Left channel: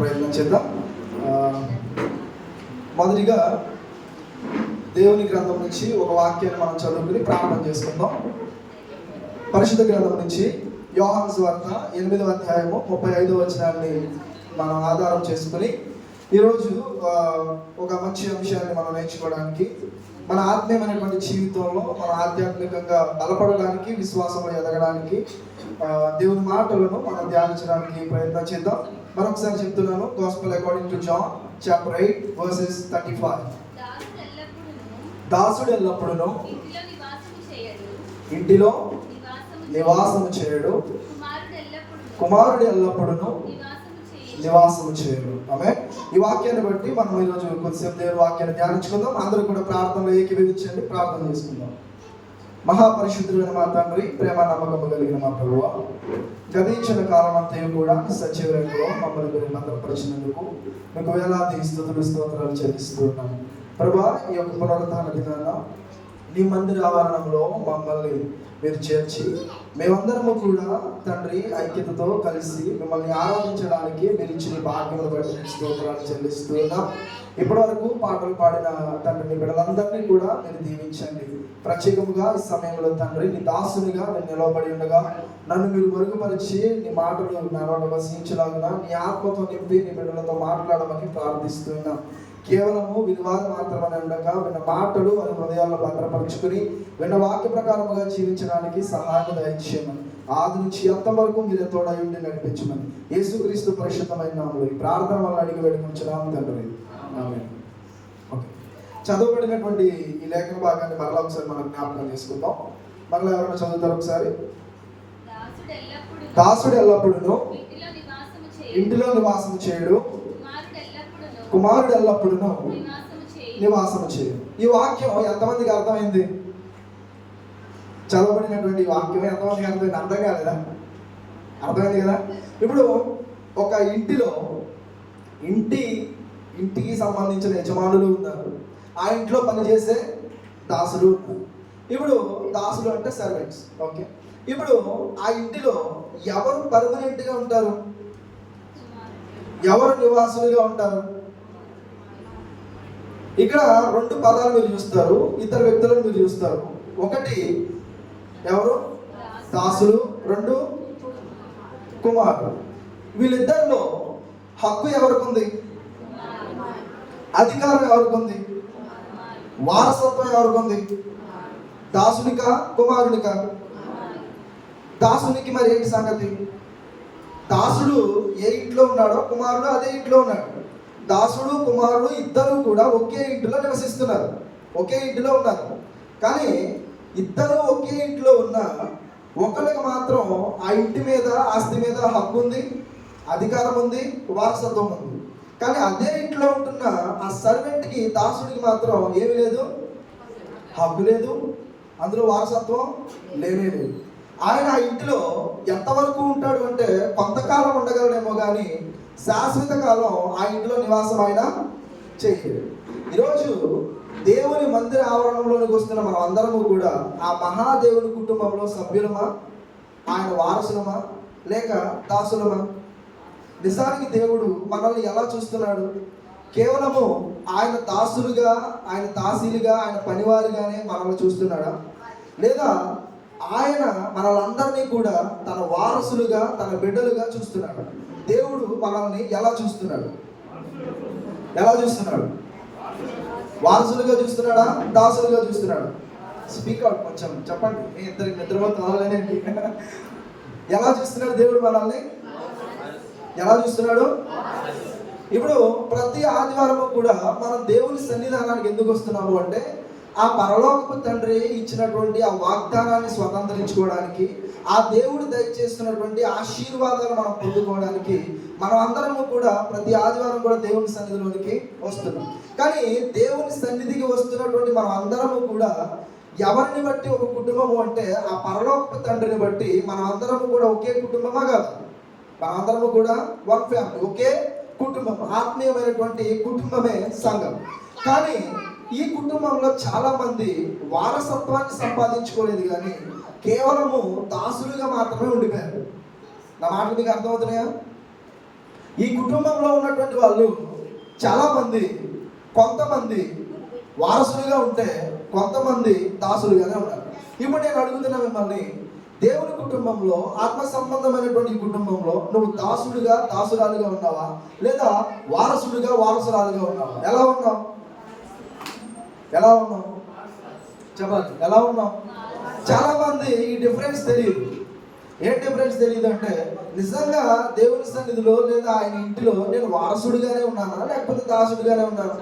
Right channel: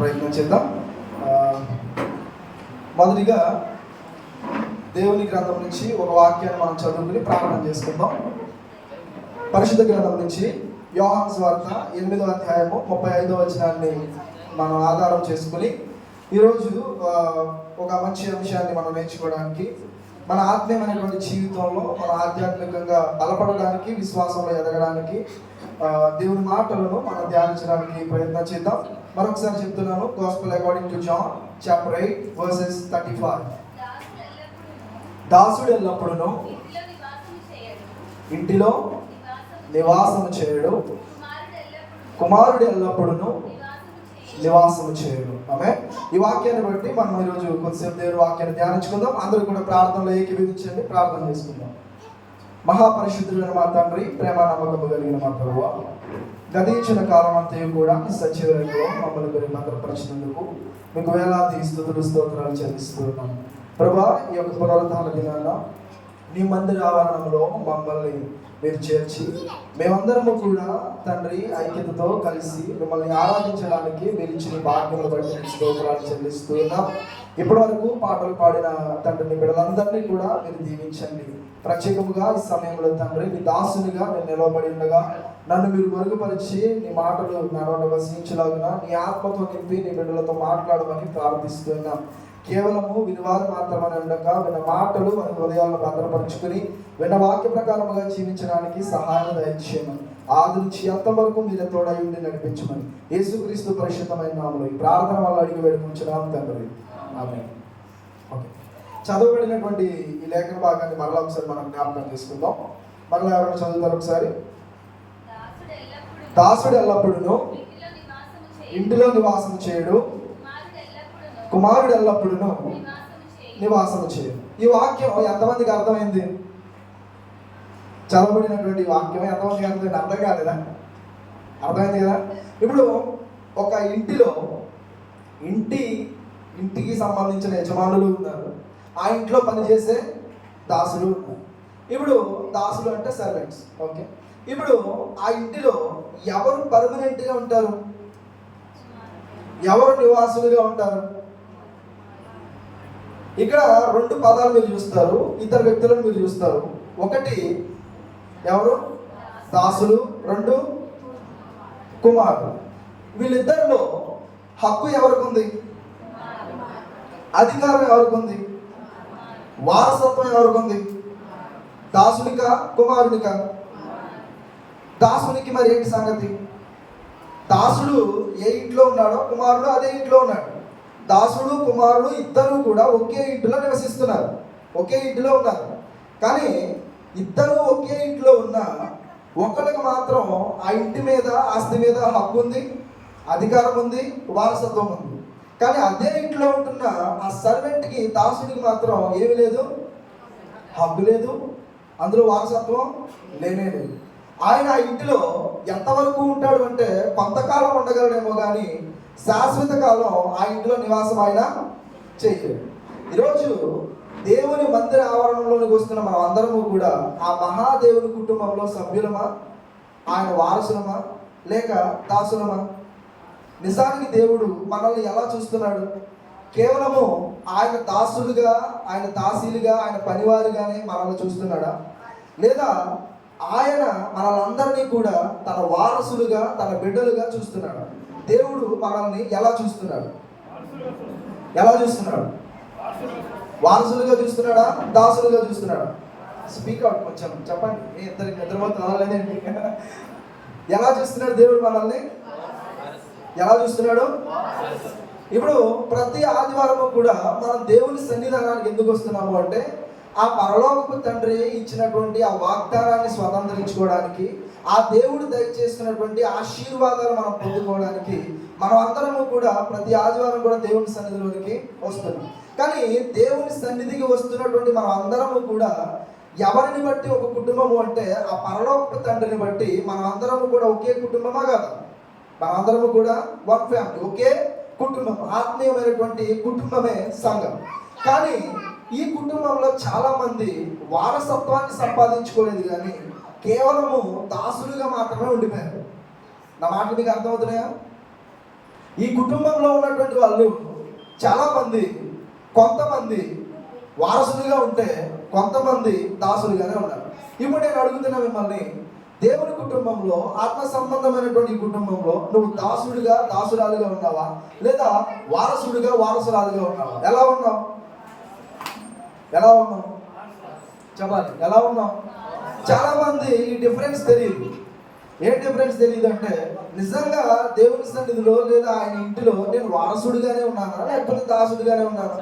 ప్రయత్నం చేద్దాం. మొదటిగా దేవుని గ్రంథం నుంచి ఒక వాక్యాన్ని మనం చదువుకుని ప్రారంభం చేసుకుందాం. పరిశుద్ధ గ్రంథం నుంచి యోహాను సువార్త 8వ అధ్యాయము 35వ వచనాన్ని మనం ఆధారం చేసుకుని ఈరోజు ఒక మంచి అంశాన్ని మనం నేర్చుకోవడానికి, మన ఆత్మీయమైనటువంటి జీవితంలో మన ఆధ్యాత్మికంగా బలపడడానికి, విశ్వాసంలో ఎదగడానికి దేవుని మాటలను మనం ధ్యానించడానికి ప్రయత్నం చేద్దాం. మరొకసారి చెప్తున్నాను. Gospel according to John chapter 8 verses 35. దాసుడు ఎల్లప్పుడూ ఇంటిలో నివాసము చేయడు, కుమారుడు ఎల్లప్పుడూ నివాసము చేయడు. ఆమేన్. ఈ వాక్యాన్ని బట్టి మనం ఈరోజు కొద్దిసేపు దేవుని వాక్యాన్ని ధ్యానించుకుందాం. అందరూ కూడా ప్రార్థనలో ఏకీభవించండి. ప్రార్థన చేసుకుందాం. మహాపరిశుద్ధుడైన మా తండ్రి, ప్రేమ నమ్మకము కలిగిన మా ప్రభువా, గతించిన కాలం అంతా కూడా సచివాలయంలో మమ్మల్ని మీరు భద్రపరిచినందుకు మీకు వేలాది స్తుతులు స్తోత్రాలు చెల్లిస్తున్నాను. ప్రభా, ఈ యొక్క పునరుత్థాన దినాన నీ మందిర ఆవరణంలో మమ్మల్ని మీరు చేర్చి మేమందరము కూడా తండ్రి ఐక్యతతో కలిసి మిమ్మల్ని ఆరాధించడానికి మీరు ఇచ్చిన భాగ్యములు బట్టి స్తోత్రాలు చెల్లిస్తున్నాం. ఇప్పటి వరకు పాటలు పాడిన తండ్రిని బిడ్డలందరినీ కూడా మీరు దీవించండి. ప్రత్యేకముగా ఈ సమయంలో తండ్రి నీ దాసునిగా నేను నిలవబడి ఉండగా నన్ను మీరు మరుగుపరిచి నీ మాటలు నడవడం వసించలాగా నీ ఆత్మతో నింపి నీ బిడ్డలతో మాట్లాడమని ప్రార్థిస్తున్నాం. కేవలము వినివారు మాత్రమే ఉండక విన్న మాటలు మన హృదయాలను భద్రపరుచుకుని విన్న వాక్య ప్రకారముగా జీవించడానికి సహాయం దయచేయమని, ఆది నుంచి అంతవరకు మీరు తోడై ఉండి నడిపించమని యేసుక్రీస్తు పరిశుద్ధమైన నామములో ఈ ప్రార్థన వల్ల అడిగి వేడుకొంచున్నాము తండ్రి. ఆమేన్. ఓకే, చదవబడినటువంటి ఈ లేఖన భాగాన్ని మరలా ఒకసారి మనం జ్ఞాపకం చేసుకుందాం. మరలా ఎవరైనా చదువుతారు ఒకసారి. దాసుడు ఎల్లప్పుడూ ఇంటిలో నివాసం చేయడు, కుమారుడు ఎల్లప్పుడూ నివాసము చేయడు. ఈ వాక్యం ఎంతమందికి అర్థమైంది? చదవబడినటువంటి వాక్యం ఎంతమందికి అర్థమైంది? అర్థం కాలేదా? అర్థమైంది కదా. ఇప్పుడు ఒక ఇంటిలో ఇంటికి సంబంధించిన యజమానులు ఉన్నారు, ఆ ఇంట్లో పనిచేసే దాసులు ఉన్నారు. ఇప్పుడు దాసులు అంటే సర్వెంట్స్. ఓకే, ఇప్పుడు ఆ ఇంటిలో ఎవరు పర్మనెంట్గా ఉంటారు, ఎవరు నివాసులుగా ఉంటారు? ఇక్కడ రెండు పదాలు మీరు చూస్తారు, ఇద్దరు వ్యక్తులను మీరు చూస్తారు. ఒకటి ఎవరు? దాసులు. రెండు కుమారుడు. వీళ్ళిద్దరిలో హక్కు ఎవరికి ఉంది? అధికారం ఎవరికి ఉంది? వారసత్వం ఎవరికి ఉంది? దాసునికా కుమారునికా? దాసునికి మరి ఏంటి సంగతి? దాసుడు ఏ ఇంట్లో ఉన్నాడో కుమారుడు అదే ఇంట్లో ఉన్నాడు. దాసుడు కుమారుడు ఇద్దరు కూడా ఒకే ఇంటిలో నివసిస్తున్నారు, ఒకే ఇంటిలో ఉన్నారు. కానీ ఇద్దరు ఒకే ఇంట్లో ఉన్న ఒకరికి మాత్రం ఆ ఇంటి మీద, ఆస్తి మీద హక్కు ఉంది, అధికారం ఉంది, వారసత్వం ఉంది. కానీ అదే ఇంట్లో ఉంటున్న ఆ సర్వెంట్కి, దాసుడికి మాత్రం ఏమి లేదు, హక్కు లేదు, అందులో వారసత్వం లేనే లేదు. ఆయన ఆ ఇంటిలో ఎంతవరకు ఉంటాడు అంటే కొంతకాలం ఉండగలడేమో కానీ శాశ్వత కాలం ఆ ఇంట్లో నివాసం ఆయన చేయలేడు. ఈరోజు దేవుని మందిర ఆవరణంలోనికి వస్తున్న మనం అందరము కూడా ఆ మహాదేవుని కుటుంబంలో సభ్యులమా, ఆయన వారసులమా, లేక దాసులమా? నిజానికి దేవుడు మనల్ని ఎలా చూస్తున్నాడు? కేవలము ఆయన దాసులుగా, ఆయన దాసీలుగా, ఆయన పనివారిగానే మనల్ని చూస్తున్నాడా? లేదా ఆయన మనల్ని కూడా తన వారసులుగా, తన బిడ్డలుగా చూస్తున్నాడు? దేవుడు మనల్ని ఎలా చూస్తున్నాడు? ఎలా చూస్తున్నాడు? వారసులుగా చూస్తున్నాడా, దాసులుగా చూస్తున్నాడా? స్పీక్ అవుట్ కొంచెం చెప్పండి. ఇద్దరికి నిద్రపోతున్నాలేంటి? ఎలా చూస్తున్నాడు దేవుడు మనల్ని? ఎలా చూస్తున్నాడు? ఇప్పుడు ప్రతి ఆదివారం కూడా మనం దేవుని సన్నిధానానికి ఎందుకు వస్తున్నాము అంటే ఆ పరలోకపు తండ్రి ఇచ్చినటువంటి ఆ వాగ్దానాన్ని స్వతంత్రించుకోవడానికి, ఆ దేవుడు దయచేస్తున్నటువంటి ఆశీర్వాదాలు మనం పొందుకోవడానికి మనం అందరం కూడా ప్రతి ఆదివారం కూడా దేవుని సన్నిధిలోనికి వస్తున్నాం. కానీ దేవుని సన్నిధికి వస్తున్నటువంటి మనం అందరము కూడా ఎవరిని బట్టి ఒక కుటుంబము అంటే ఆ పరలోకపు తండ్రిని బట్టి మనం అందరము కూడా ఒకే కుటుంబమా కాదు? మనం అందరము కూడా వన్ ఫ్యామిలీ, ఒకే కుటుంబం, ఆత్మీయమైనటువంటి కుటుంబమే సంఘం. కానీ ఈ కుటుంబంలో చాలా మంది వారసత్వాన్ని సంపాదించుకోలేదు, కానీ కేవలము దాసులుగా మాత్రమే ఉండిపోయారు. నా మాటలు మీకు అర్థమవుతున్నాయా? ఈ కుటుంబంలో ఉన్నటువంటి వాళ్ళు చాలామంది, కొంతమంది వారసులుగా ఉంటే కొంతమంది దాసులుగానే ఉన్నారు. ఇప్పుడు నేను అడుగుతున్నా మిమ్మల్ని, దేవుని కుటుంబంలో, ఆత్మ సంబంధమైనటువంటి ఈ కుటుంబంలో నువ్వు దాసుడిగా దాసురాలుగా ఉన్నావా, లేదా వారసుడిగా వారసురాలుగా ఉన్నావా? ఎలా ఉన్నావు? ఎలా ఉన్నావు చెప్పాలి, ఎలా ఉన్నావు? చాలా మంది ఈ డిఫరెన్స్ తెలియదు. ఏం డిఫరెన్స్ తెలియదు అంటే, నిజంగా దేవుని సన్నిధిలో లేదా ఆయన ఇంటిలో నేను వారసుడిగానే ఉన్నానా లేకపోతే దాసుడిగానే ఉన్నానా?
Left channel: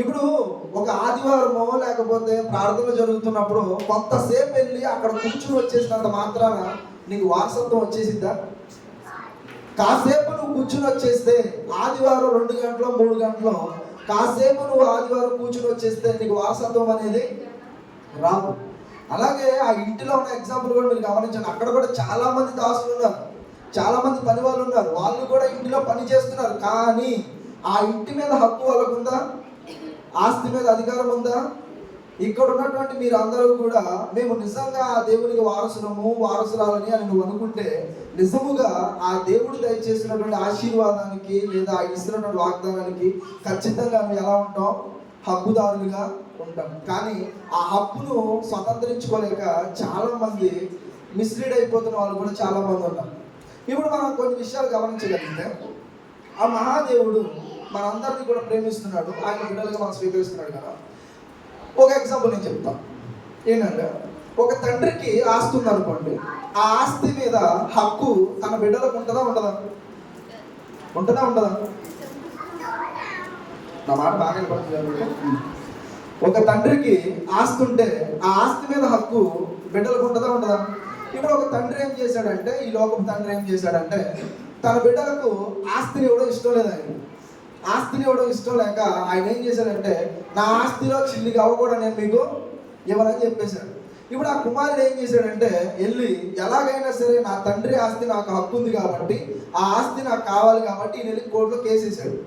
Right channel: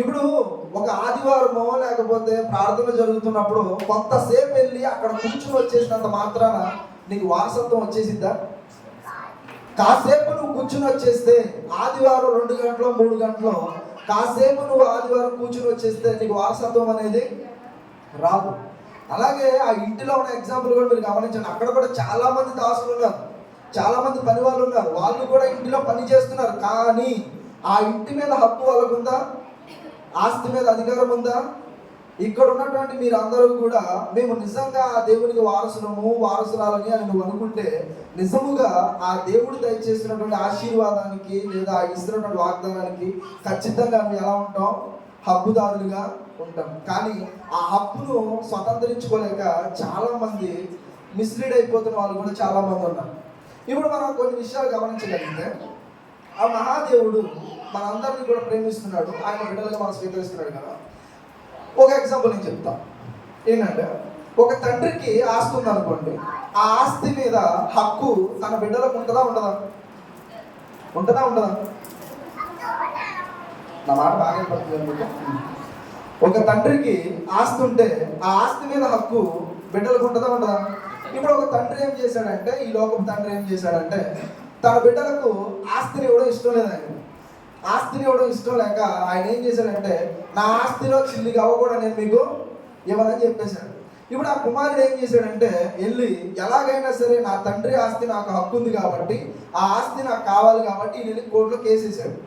ఇప్పుడు ఒక ఆదివారమో లేకపోతే ప్రార్థన జరుగుతున్నప్పుడు కొంతసేపు వెళ్ళి అక్కడ కూర్చుని వచ్చేసినంత మాత్రాన నీకు వారసత్వం వచ్చేసిద్దా? కాసేపు నువ్వు కూర్చుని వచ్చేస్తే, ఆదివారం 2 గంటలు 3 గంటలు కాసేపు నువ్వు ఆదివారం కూర్చుని వచ్చేస్తే నీకు వారసత్వం అనేది రాదు. అలాగే ఆ ఇంటిలో ఉన్న ఎగ్జాంపుల్ కూడా మీరు గమనించండి. అక్కడ కూడా చాలా మంది దాసులు ఉన్నారు, చాలా మంది పని వాళ్ళు ఉన్నారు, వాళ్ళు కూడా ఇంటిలో పని చేస్తున్నారు. కానీ ఆ ఇంటి మీద హక్కు వాళ్ళకు ఉందా? ఆస్తి మీద అధికారం ఉందా? ఇక్కడ ఉన్నటువంటి మీరు అందరూ కూడా మేము నిజంగా ఆ దేవునికి వారసులము వారసురాలని అని నువ్వు అనుకుంటే, నిజముగా ఆ దేవుడు దయచేసినటువంటి ఆశీర్వాదానికి లేదా ఇస్తున్నటువంటి వాగ్దానానికి ఖచ్చితంగా మేము ఎలా ఉంటాం? హక్కుదారులుగా ఉంటాం. కానీ ఆ హక్కును స్వతంత్రించుకోలేక చాలా మంది మిస్లీడ్ అయిపోతున్న వాళ్ళు కూడా చాలా మంది ఉన్నారు. ఇప్పుడు మనం కొన్ని విషయాలు గమనించగలిగితే, ఆ మహాదేవుడు మనందరినీ కూడా ప్రేమిస్తున్నాడు, ఆయన బిడ్డలుగా మనం స్వీకరిస్తున్నాడు కదా. ఒక ఎగ్జాంపుల్ నేను చెప్తాను. ఏంటంటే, ఒక తండ్రికి ఆస్తి ఉందనుకోండి, ఆ ఆస్తి మీద హక్కు తన బిడ్డలకు ఉంటుందా ఉండదా? ఉంటుందా ఉండదా? నా మాట బాగా ఒక తండ్రికి ఆస్తి ఉంటే ఆ ఆస్తి మీద హక్కు బిడ్డలకు ఉంటుందా ఉండదా? ఇప్పుడు ఒక తండ్రి ఏం చేశాడంటే, ఈ లోకం తండ్రి ఏం చేశాడంటే, తన బిడ్డలకు ఆస్తిని ఇవ్వడం ఇష్టం లేదు. ఆస్తిని ఇవ్వడం ఇష్టం లేక ఆయన ఏం చేశాడంటే, నా ఆస్తిలో చిల్లిగా కూడా నేను మీకు ఇవ్వదని చెప్పేశాడు. ఇప్పుడు ఆ కుమారుడు ఏం చేశాడంటే, వెళ్ళి ఎలాగైనా సరే నా తండ్రి ఆస్తి నాకు హక్కు ఉంది కాబట్టి, ఆ ఆస్తి నాకు కావాలి కాబట్టి ఈయన వెళ్ళి కోర్టులో కేసేసాడు.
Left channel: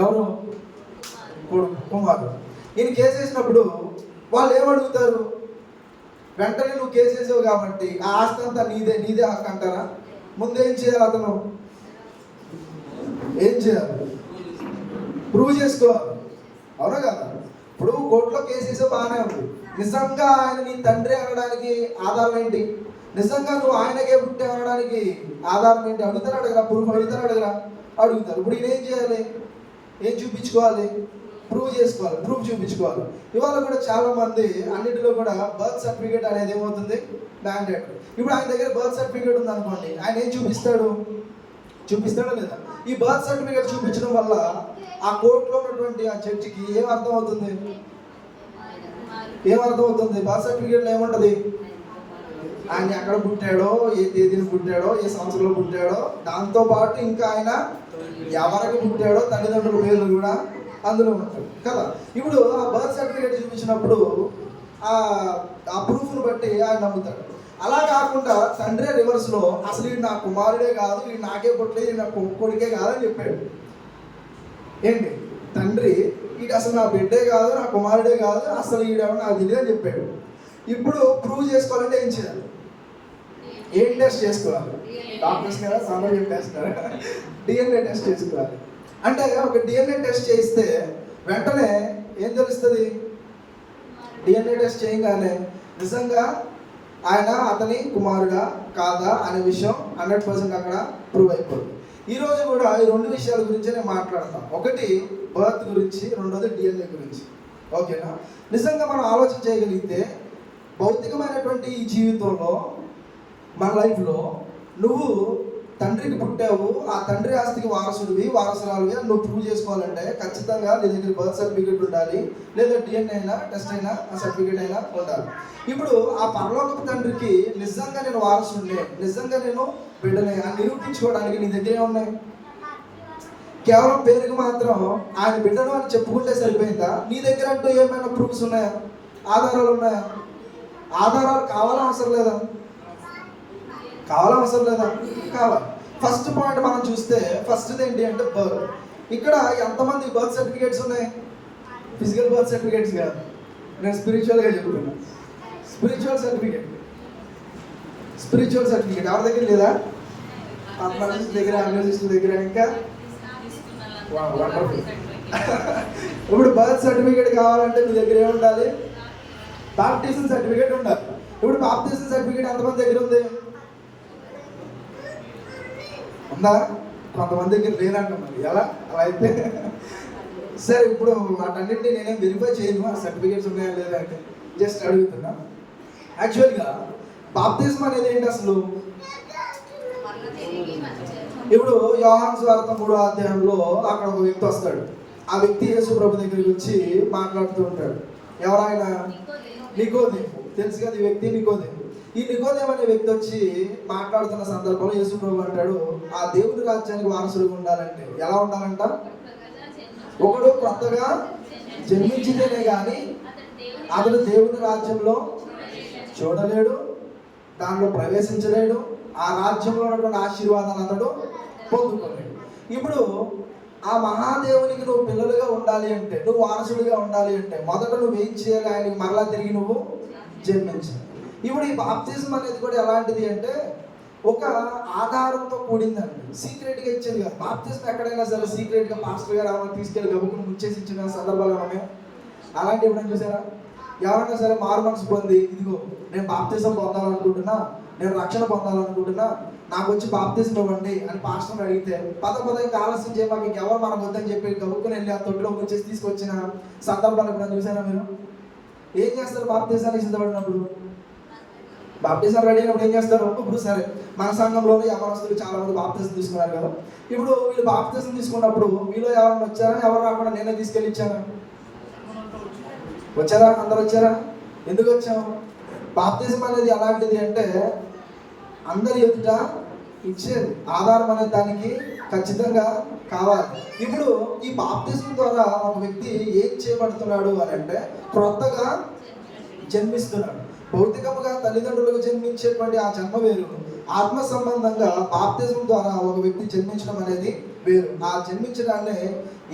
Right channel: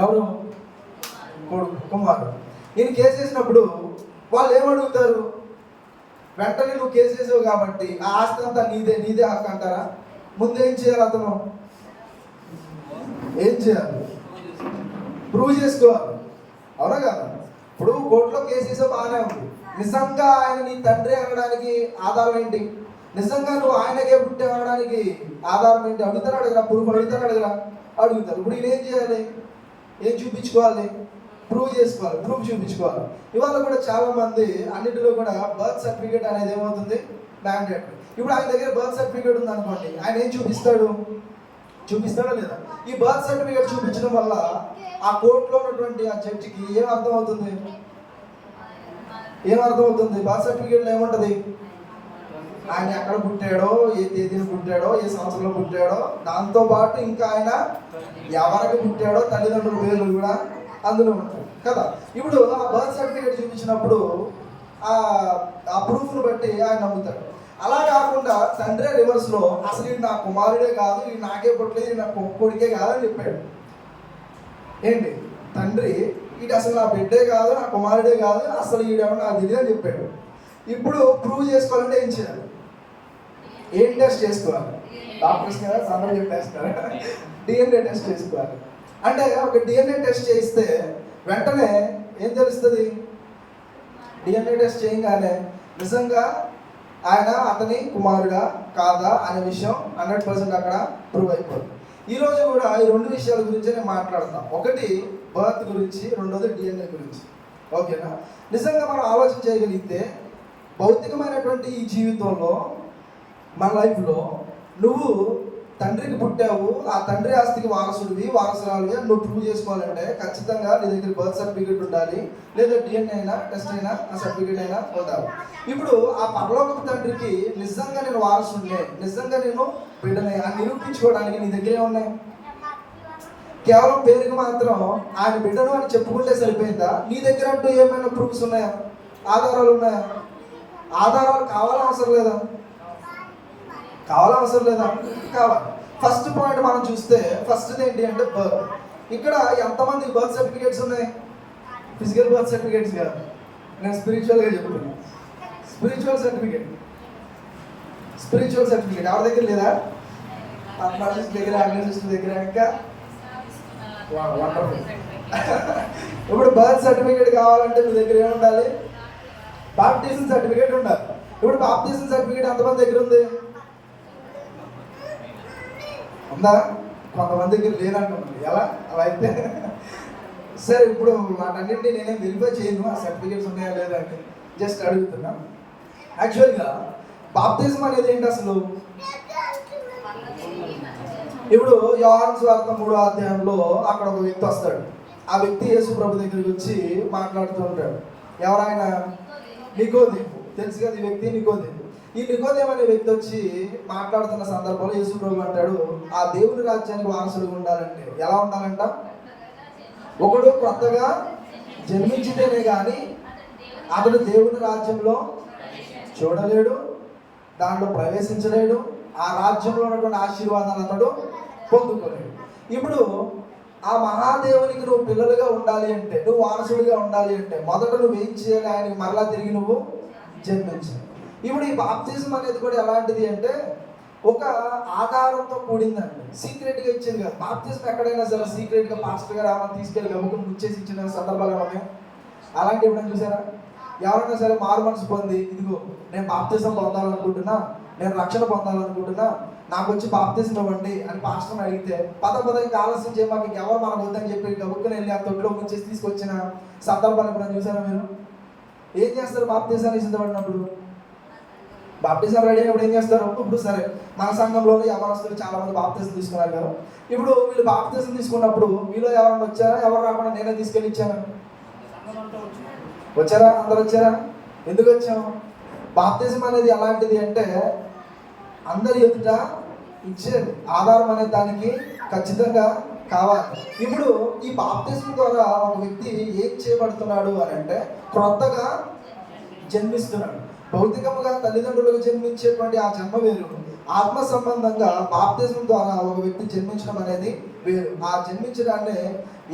ఎవరు? కుమారుడు. ఈయన కేసేసినప్పుడు వాళ్ళు ఏమడుగుతారు? వెంటనే నువ్వు కేసేసావు కాబట్టి ఆ ఆస్తి అంతా నీదే హక్కు అంటారా? ముందు ఏం చేయాలి? అతను ఏం చేయాలి? ప్రూవ్ చేసుకోవాలి, అవునా కదా? ఇప్పుడు కోర్టులో కేసేసా బాగానే ఉంది. నిజంగా ఆయన నీ తండ్రి అనడానికి ఆధారం ఏంటి? నిజంగా నువ్వు ఆయనకే పుట్టే అనడానికి ఆధారం ఏంటి? అడుగుతారు అడగరా? ప్రూఫ్ అడుగుతారు అడగరా? అడుగుతారు. ఇప్పుడు ఈయన ఏం చేయాలి? ఏం చూపించుకోవాలి? ప్రూవ్ చేసుకోవాలి, ప్రూఫ్ చూపించుకోవాలి. ఇవాళ కూడా చాలా మంది అన్నిటిలో కూడా బర్త్ సర్టిఫికేట్ అనేది ఏమవుతుంది? మ్యాండేట్. ఇప్పుడు ఆయన దగ్గర బర్త్ సర్టిఫికేట్ ఉంది అనుకోండి, ఆయన ఏం చూపిస్తాడు? చూపిస్తాడా లేదా? ఈ బర్త్ సర్టిఫికేట్ చూపించడం వల్ల ఆ కోర్టులో ఉన్నటువంటి ఆ జడ్జికి ఏం అర్థమవుతుంది? ఏమర్థమవుతుంది? బర్త్ సర్టిఫికేట్లో ఏముంటది? ఆయన ఎక్కడ పుట్టాడో, ఏ తేదీని పుట్టాడో, ఏ సంవత్సరంలో పుట్టాడో, దాంతో పాటు ఇంకా ఆయన ఎవరికి పుట్టాడో తల్లిదండ్రుల పేర్లు కూడా అందులో ఉంటుంది కదా. ఇప్పుడు ఆ బర్త్ సర్టిఫికేట్ చూపించినప్పుడు ఆ ప్రూఫ్ను బట్టి ఆయన నమ్ముతాడు. అలా కాకుండా తండ్రి రివర్స్లో అసలు ఇది నా కుమారుడే కాదు, ఇది నాకే పుట్టలేదు, నా కొడుకే కాదని చెప్పాడు. ఏంటి? తండ్రి ఇది అసలు నా బిడ్డే కాదు, నా కుమారుడే కాదు, అసలు ఈడేమో నాకు తెలియదు అని చెప్పాడు. ఇప్పుడు ప్రూవ్ చేసుకోవాలంటే ఏం చేయాలి? ఏం టెస్ట్ చేసుకోవాలి? డాక్టర్స్ కదా అందరూ చెప్పేస్తున్నారు, డిఎన్ఏ టెస్ట్ చేసుకోవాలి. అంటే ఒక డిఎన్ఏ టెస్ట్ చేస్తే వెంటనే ఏం తెలుస్తుంది? డిఎన్ఏ టెస్ట్ చేయగానే నిజంగా ఆయన అతని కుమారుడా కాదా అనే విషయం 100% అక్కడ ప్రూవ్ అయిపోతుంది. ఈరోజు కూడా ఈ 2 విషయాల గురించి నేను మాట్లాడతాను. ఒకటి బర్త్ గురించి, రెండోది డిఎన్ఏ గురించి. ఓకేనా? నిజంగా మనం ఆలోచన చేయగలిగితే భౌతికమైనటువంటి ఈ జీవితంలో మన లైఫ్లో నువ్వు తండ్రికి పుట్టావు, ఆ తండ్రి ఆస్తికి వారసుడివి వారసురాలుగా నువ్వు ప్రూవ్ చేసుకోవాలంటే ఖచ్చితంగా నీ దగ్గర బర్త్ సర్టిఫికేట్ ఉండాలి, లేదా డిఎన్ఏ అయినా టెస్ట్ అయినా ఆ సర్టిఫికేట్ అయినా ఉండాలి. ఇప్పుడు ఆ పరలోకపు తండ్రికి నిజంగా నేను వారసుడినే, నిజంగా నేను బిడ్డనే అని నిరూపించుకోవడానికి నీ దగ్గర ఏమున్నాయి? కేవలం పేరుకి మాత్రం ఆయన బిడ్డను అని చెప్పుకుంటే సరిపోయిందా? నీ దగ్గర అంటూ ఏమైనా ప్రూఫ్స్ ఉన్నాయా? ఆధారాలు ఉన్నాయా? ఆధారాలు కావాలవసరం లేదా? కావాలవసరం లేదా? కావాలి. ఫస్ట్ పాయింట్ మనం చూస్తే ఫస్ట్ ఏంటి అంటే బర్త్. ఇక్కడ ఎంతమంది బర్త్ సర్టిఫికేట్స్ ఉన్నాయి? ఫిజికల్ బర్త్ సర్టిఫికేట్స్ కాదు, నేను స్పిరిచువల్గా చెప్తున్నాను. స్పిరిచువల్ సర్టిఫికేట్ ఎవరి దగ్గర లేదా? పద్నాలజిస్ట్ దగ్గర, ఆంగ్లజిస్ట్ దగ్గర, ఇంకా ఇప్పుడు బర్త్ సర్టిఫికేట్ కావాలంటే మీ దగ్గర ఏముండాలి? బాప్టిజం సర్టిఫికేట్ ఉండాలి. ఇప్పుడు బాప్టిజం సర్టిఫికేట్ ఎంతమంది దగ్గర ఉంది? ఉందా? కొంతమంది దగ్గర లేదంట. మరి ఎలా అలా అయితే? సరే, ఇప్పుడు వాటన్నింటినీ నేనేం వెరిఫై చేయను, ఆ సర్టిఫికేట్స్ ఉన్నాయా లేదా అని జస్ట్ అడుగుతున్నా. యాక్చువల్గా బాప్తిజం అనేది ఏంటి అసలు? ఇప్పుడు యోహాను సువార్త 3వ అధ్యాయంలో అక్కడ ఒక వ్యక్తి వస్తాడు. ఆ వ్యక్తి యేసు ప్రభు దగ్గరికి వచ్చి మాట్లాడుతూ ఉంటాడు. ఎవరైనా? నికోదేము. తెలుసు కదా ఈ వ్యక్తి, నికోదేము. ఈ నికోదేము అనే వ్యక్తి వచ్చి మాట్లాడుతున్న సందర్భంలో యేసు ప్రభు అంటాడు, ఆ దేవుడి రాజ్యానికి వారసులుగా ఉండాలంటే ఎలా ఉండాలంట? ఒకడు కొత్తగా జన్మించితేనే కానీ అతడు దేవుడి రాజ్యంలో చూడలేడు, దానిలో ప్రవేశించలేడు, ఆ రాజ్యంలో ఉన్నటువంటి ఆశీర్వాదాన్ని అతడు పొందుకోలేడు. ఇప్పుడు ఆ మహాదేవునికి నువ్వు పిల్లలుగా ఉండాలి అంటే, నువ్వు వారసుడిగా ఉండాలి అంటే మొదట నువ్వు ఏం చేయాలి? ఆయనకి మరలా తిరిగి నువ్వు జన్మించాలి. ఇప్పుడు ఈ బాప్తిజం అనేది కూడా ఎలాంటిది అంటే ఒక ఆధారంతో కూడిందండి. సీక్రెట్గా ఇచ్చేది కాదు. బాప్తిజం ఎక్కడైనా సరే సీక్రెట్గా పాస్టర్ గారు అలా తీసుకెళ్ళి గబుకుని ముచ్చేసి ఇచ్చిన సందర్భాలు ఉన్నాయి. అలాంటి ఎప్పుడైనా చూసారా? ఎవరైనా సరే మారు మనసు పొంది, ఇదిగో నేను బాప్తిజం పొందాలనుకుంటున్నా, నేను రక్షణ పొందాలనుకుంటున్నా, నాకు వచ్చి బాప్తిజం ఇవ్వండి అని పాస్టర్ని అడిగితే పద ఇంకా ఆలస్యం చేయ, మాకు ఎవరు మనకు వద్దని చెప్పి గబుక్కుని వెళ్ళి ఆ తొట్టిలో వచ్చేసి తీసుకొచ్చిన సందర్భాలు ఎప్పుడైనా చూసారా మీరు? ఏం చేస్తారు బాప్తిజాన్ని సిద్ధపడినప్పుడు? బాప్టిజం రెడీ అయినప్పుడు ఏం చేస్తారు? ఇప్పుడు సరే, మన సంఘంలోనే యవనస్తులు చాలా మంది బాప్తిజం తీసుకున్నారు కదా. ఇప్పుడు వీళ్ళు బాప్తిజం తీసుకున్నప్పుడు మీలో ఎవరైనా వచ్చారా? ఎవరు రాకుండా నేనే తీసుకెళ్ళి ఇచ్చాను? వచ్చారా? అందరు వచ్చారా? ఎందుకు వచ్చాము? బాప్తిజం అనేది ఎలాంటిది అంటే అందరి ఎదుట ఇచ్చేది. ఆధారం అనేది దానికి ఖచ్చితంగా కావాలి. ఇప్పుడు ఈ బాప్తిజం ద్వారా ఒక వ్యక్తి ఏం చేయబడుతున్నాడు అని అంటే క్రొత్తగా జన్మిస్తున్నాడు. భౌతికంగా తల్లిదండ్రులకు జన్మించేటువంటి ఆ జన్మ వేరు, ఆత్మ సంబంధంగా బాప్తిజం ద్వారా ఒక వ్యక్తి జన్మించడం అనేది వేరు. ఆ జన్మించడాన్ని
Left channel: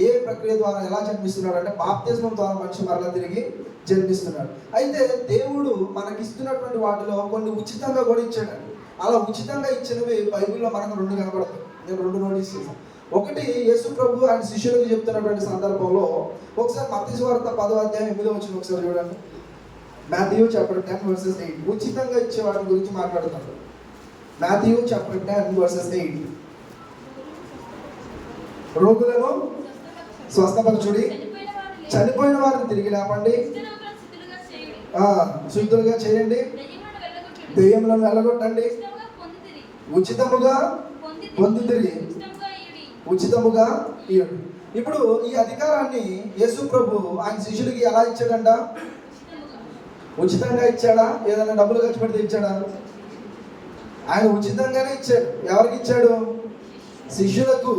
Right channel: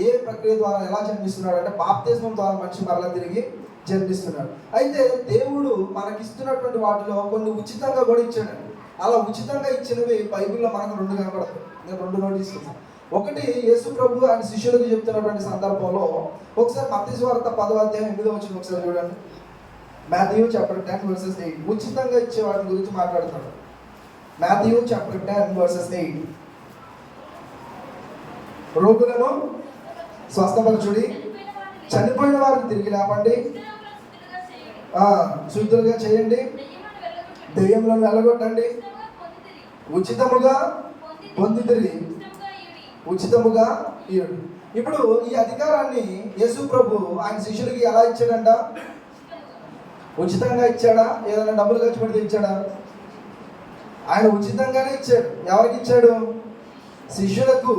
ఏ ప్రక్రియ ద్వారా ఎలా జన్మిస్తున్నాడు అంటే బాప్తిజం ద్వారా మనిషి మరలా తిరిగి జన్మిస్తున్నాడు. అయితే దేవుడు మనకిస్తున్నటువంటి వాటిలో కొన్ని ఉచితంగా కూడా ఇచ్చాడు. అలా ఉచితంగా ఇచ్చినవి బైబిల్లో మనకు 2 కనబడతాయి. నేను 2 నోటీస్ చేశాను. ఒకటి యేసు ప్రభు ఆయన శిష్యులకు చెప్తున్నటువంటి సందర్భంలో ఒకసారి మత్తయి సువార్త 10వ అధ్యాయం 8వ వచనం ఒకసారి చూడండి. మాథ్యూ చాప్టర్ 10 వర్సెస్ 8 ఉచితంగా ఇచ్చే వాటి గురించి మాట్లాడుతున్నాడు. మాథ్యూ చాప్టర్ 10 వర్సెస్ 8 రోగులను స్వస్థపరచుడి, చనిపోయిన వారిని తిరిగి లేపండి, శుద్ధులుగా చేయండి, దెయ్యములను వెళ్ళగొట్టండి, ఉచితముగా పొందితిరి, ఉచితముగా ఇయ్యుడు. ఇప్పుడు ఈ అధికారాన్ని యేసు ప్రభు ఆయన శిష్యులకి ఎలా ఇచ్చాడంట? ఉచితంగా ఇచ్చాడా? ఏదైనా డబ్బులు ఖర్చు పెడితే ఇచ్చాడా? ఆయన ఉచితంగానే ఇచ్చాడు. ఎవరికి ఇచ్చాడు? శిష్యులకు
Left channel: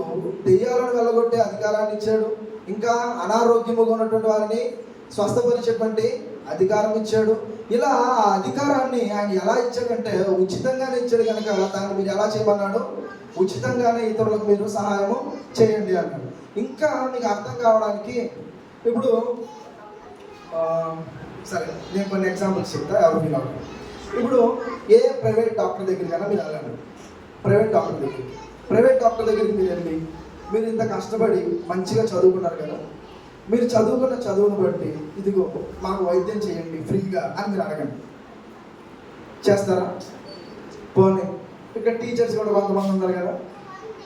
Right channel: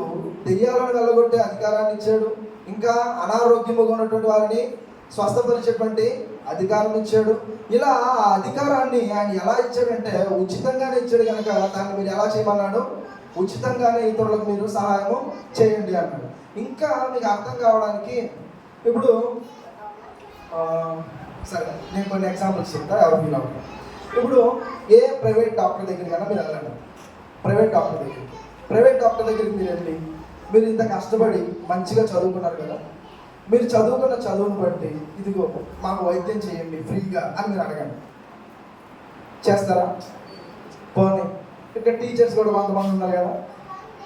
దెయ్యాలను వెళ్ళగొట్టే అధికారాన్ని ఇచ్చాడు. ఇంకా అనారోగ్యముగా ఉన్నటువంటి వారిని స్వస్థపరిచేటువంటి అధికారం ఇచ్చాడు. ఇలా ఆ అధికారాన్ని ఆయన ఎలా ఇచ్చాడంటే ఉచితంగానే ఇచ్చాడు కనుక దాన్ని మీరు ఎలా చేయమన్నాడు? ఉచితంగానే ఇతరులకు మీరు సహాయము చేయండి అన్నాడు. ఇంకా మీకు అర్థం కావడానికి ఇప్పుడు సరే నేను కొన్ని ఎగ్జాంపుల్స్ చెప్తా, ఎవరు ఫీల్ అవ్వాలి. ఇప్పుడు ఏ ప్రైవేట్ డాక్టర్ దగ్గరికైనా మీరు వెళ్ళండి. ప్రైవేట్ డాక్టర్ దగ్గరికి మీరు వెళ్ళి, మీరు ఇంత కష్టపడి మంచిగా చదువుకున్నారు కదా, మీరు చదువుకున్న చదువును బట్టి ఇదిగో మాకు వైద్యం చేయండి ఫ్రీగా అని మీరు అడగండి. చేస్తారా? పోనీ ఇక్కడ టీచర్స్ కూడా కొంతమంది ఉన్నారు కదా,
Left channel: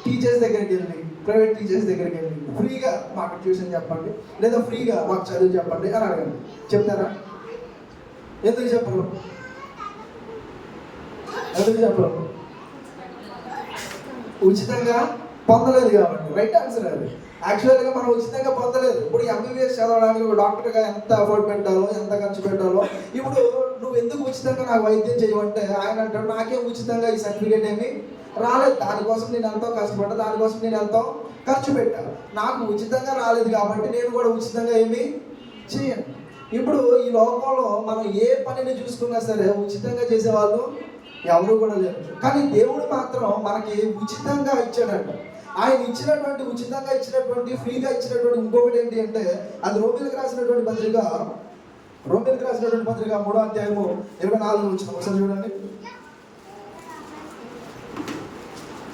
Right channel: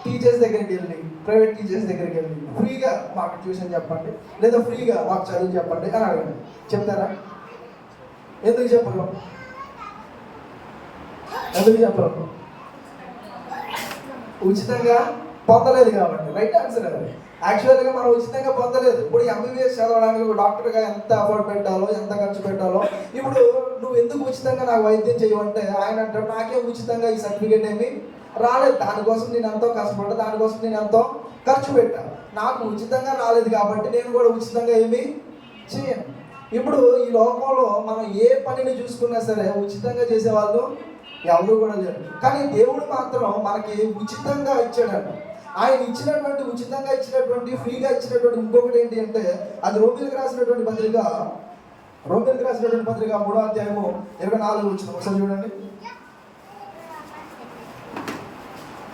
టీచర్స్ దగ్గరికి వెళ్ళి, ప్రైవేట్ టీచర్స్ దగ్గరికి వెళ్ళి ఫ్రీగా మాకు ట్యూషన్ చెప్పండి లేదా ఫ్రీగా మాకు చదువు చెప్పండి అని అడగండి. చెప్తారా? ఎందుకు చెప్పరు? ఉచితంగా పొందలేదు కాబట్టి. రైట్ ఆన్సర్ అది. యాక్చువల్గా మనం ఉచితంగా పొందలేదు. ఇప్పుడు ఎంబీబీఎస్ చదవడానికి డాక్టర్గా ఎంత ఎఫర్ట్ పెట్టాలో, ఎంత ఖర్చు పెట్టాలో. ఇప్పుడు నువ్వు ఎందుకు ఉచితంగా నాకు వైద్యం చేయమంటే ఆయన అంటాడు, నాకేం ఉచితంగా ఈ సర్టిఫికేట్ ఏమి రాలేదు, దానికోసం నేను ఎంతో కష్టపడ్డా, దానికోసం నేను ఎంతో ఖర్చు పెట్టాను, నాకు ఉచితంగా రాలేదు కాబట్టి నేను కూడా ఉచితంగా ఏమి చేయను. ఇప్పుడు ఈ లోకంలో మనం ఏ పనిని చూసుకున్నా సరే ఉచితంగా చేసే వాళ్ళు ఎవరు కూడా లేరు. కానీ దేవుడు మాత్రం మనకి ఉచితంగా ఇచ్చాడంట. ఆయన ఇచ్చినటువంటి ఉచితంగా ఇచ్చినటువంటి ఫ్రీగా ఇచ్చినటువంటి ఇంకొకటి ఏంటి అంటే అది రోమిలకు రాసినటువంటి పత్రిక 3వ అధ్యాయము 24వ వచనం ఒకసారి చూడండి.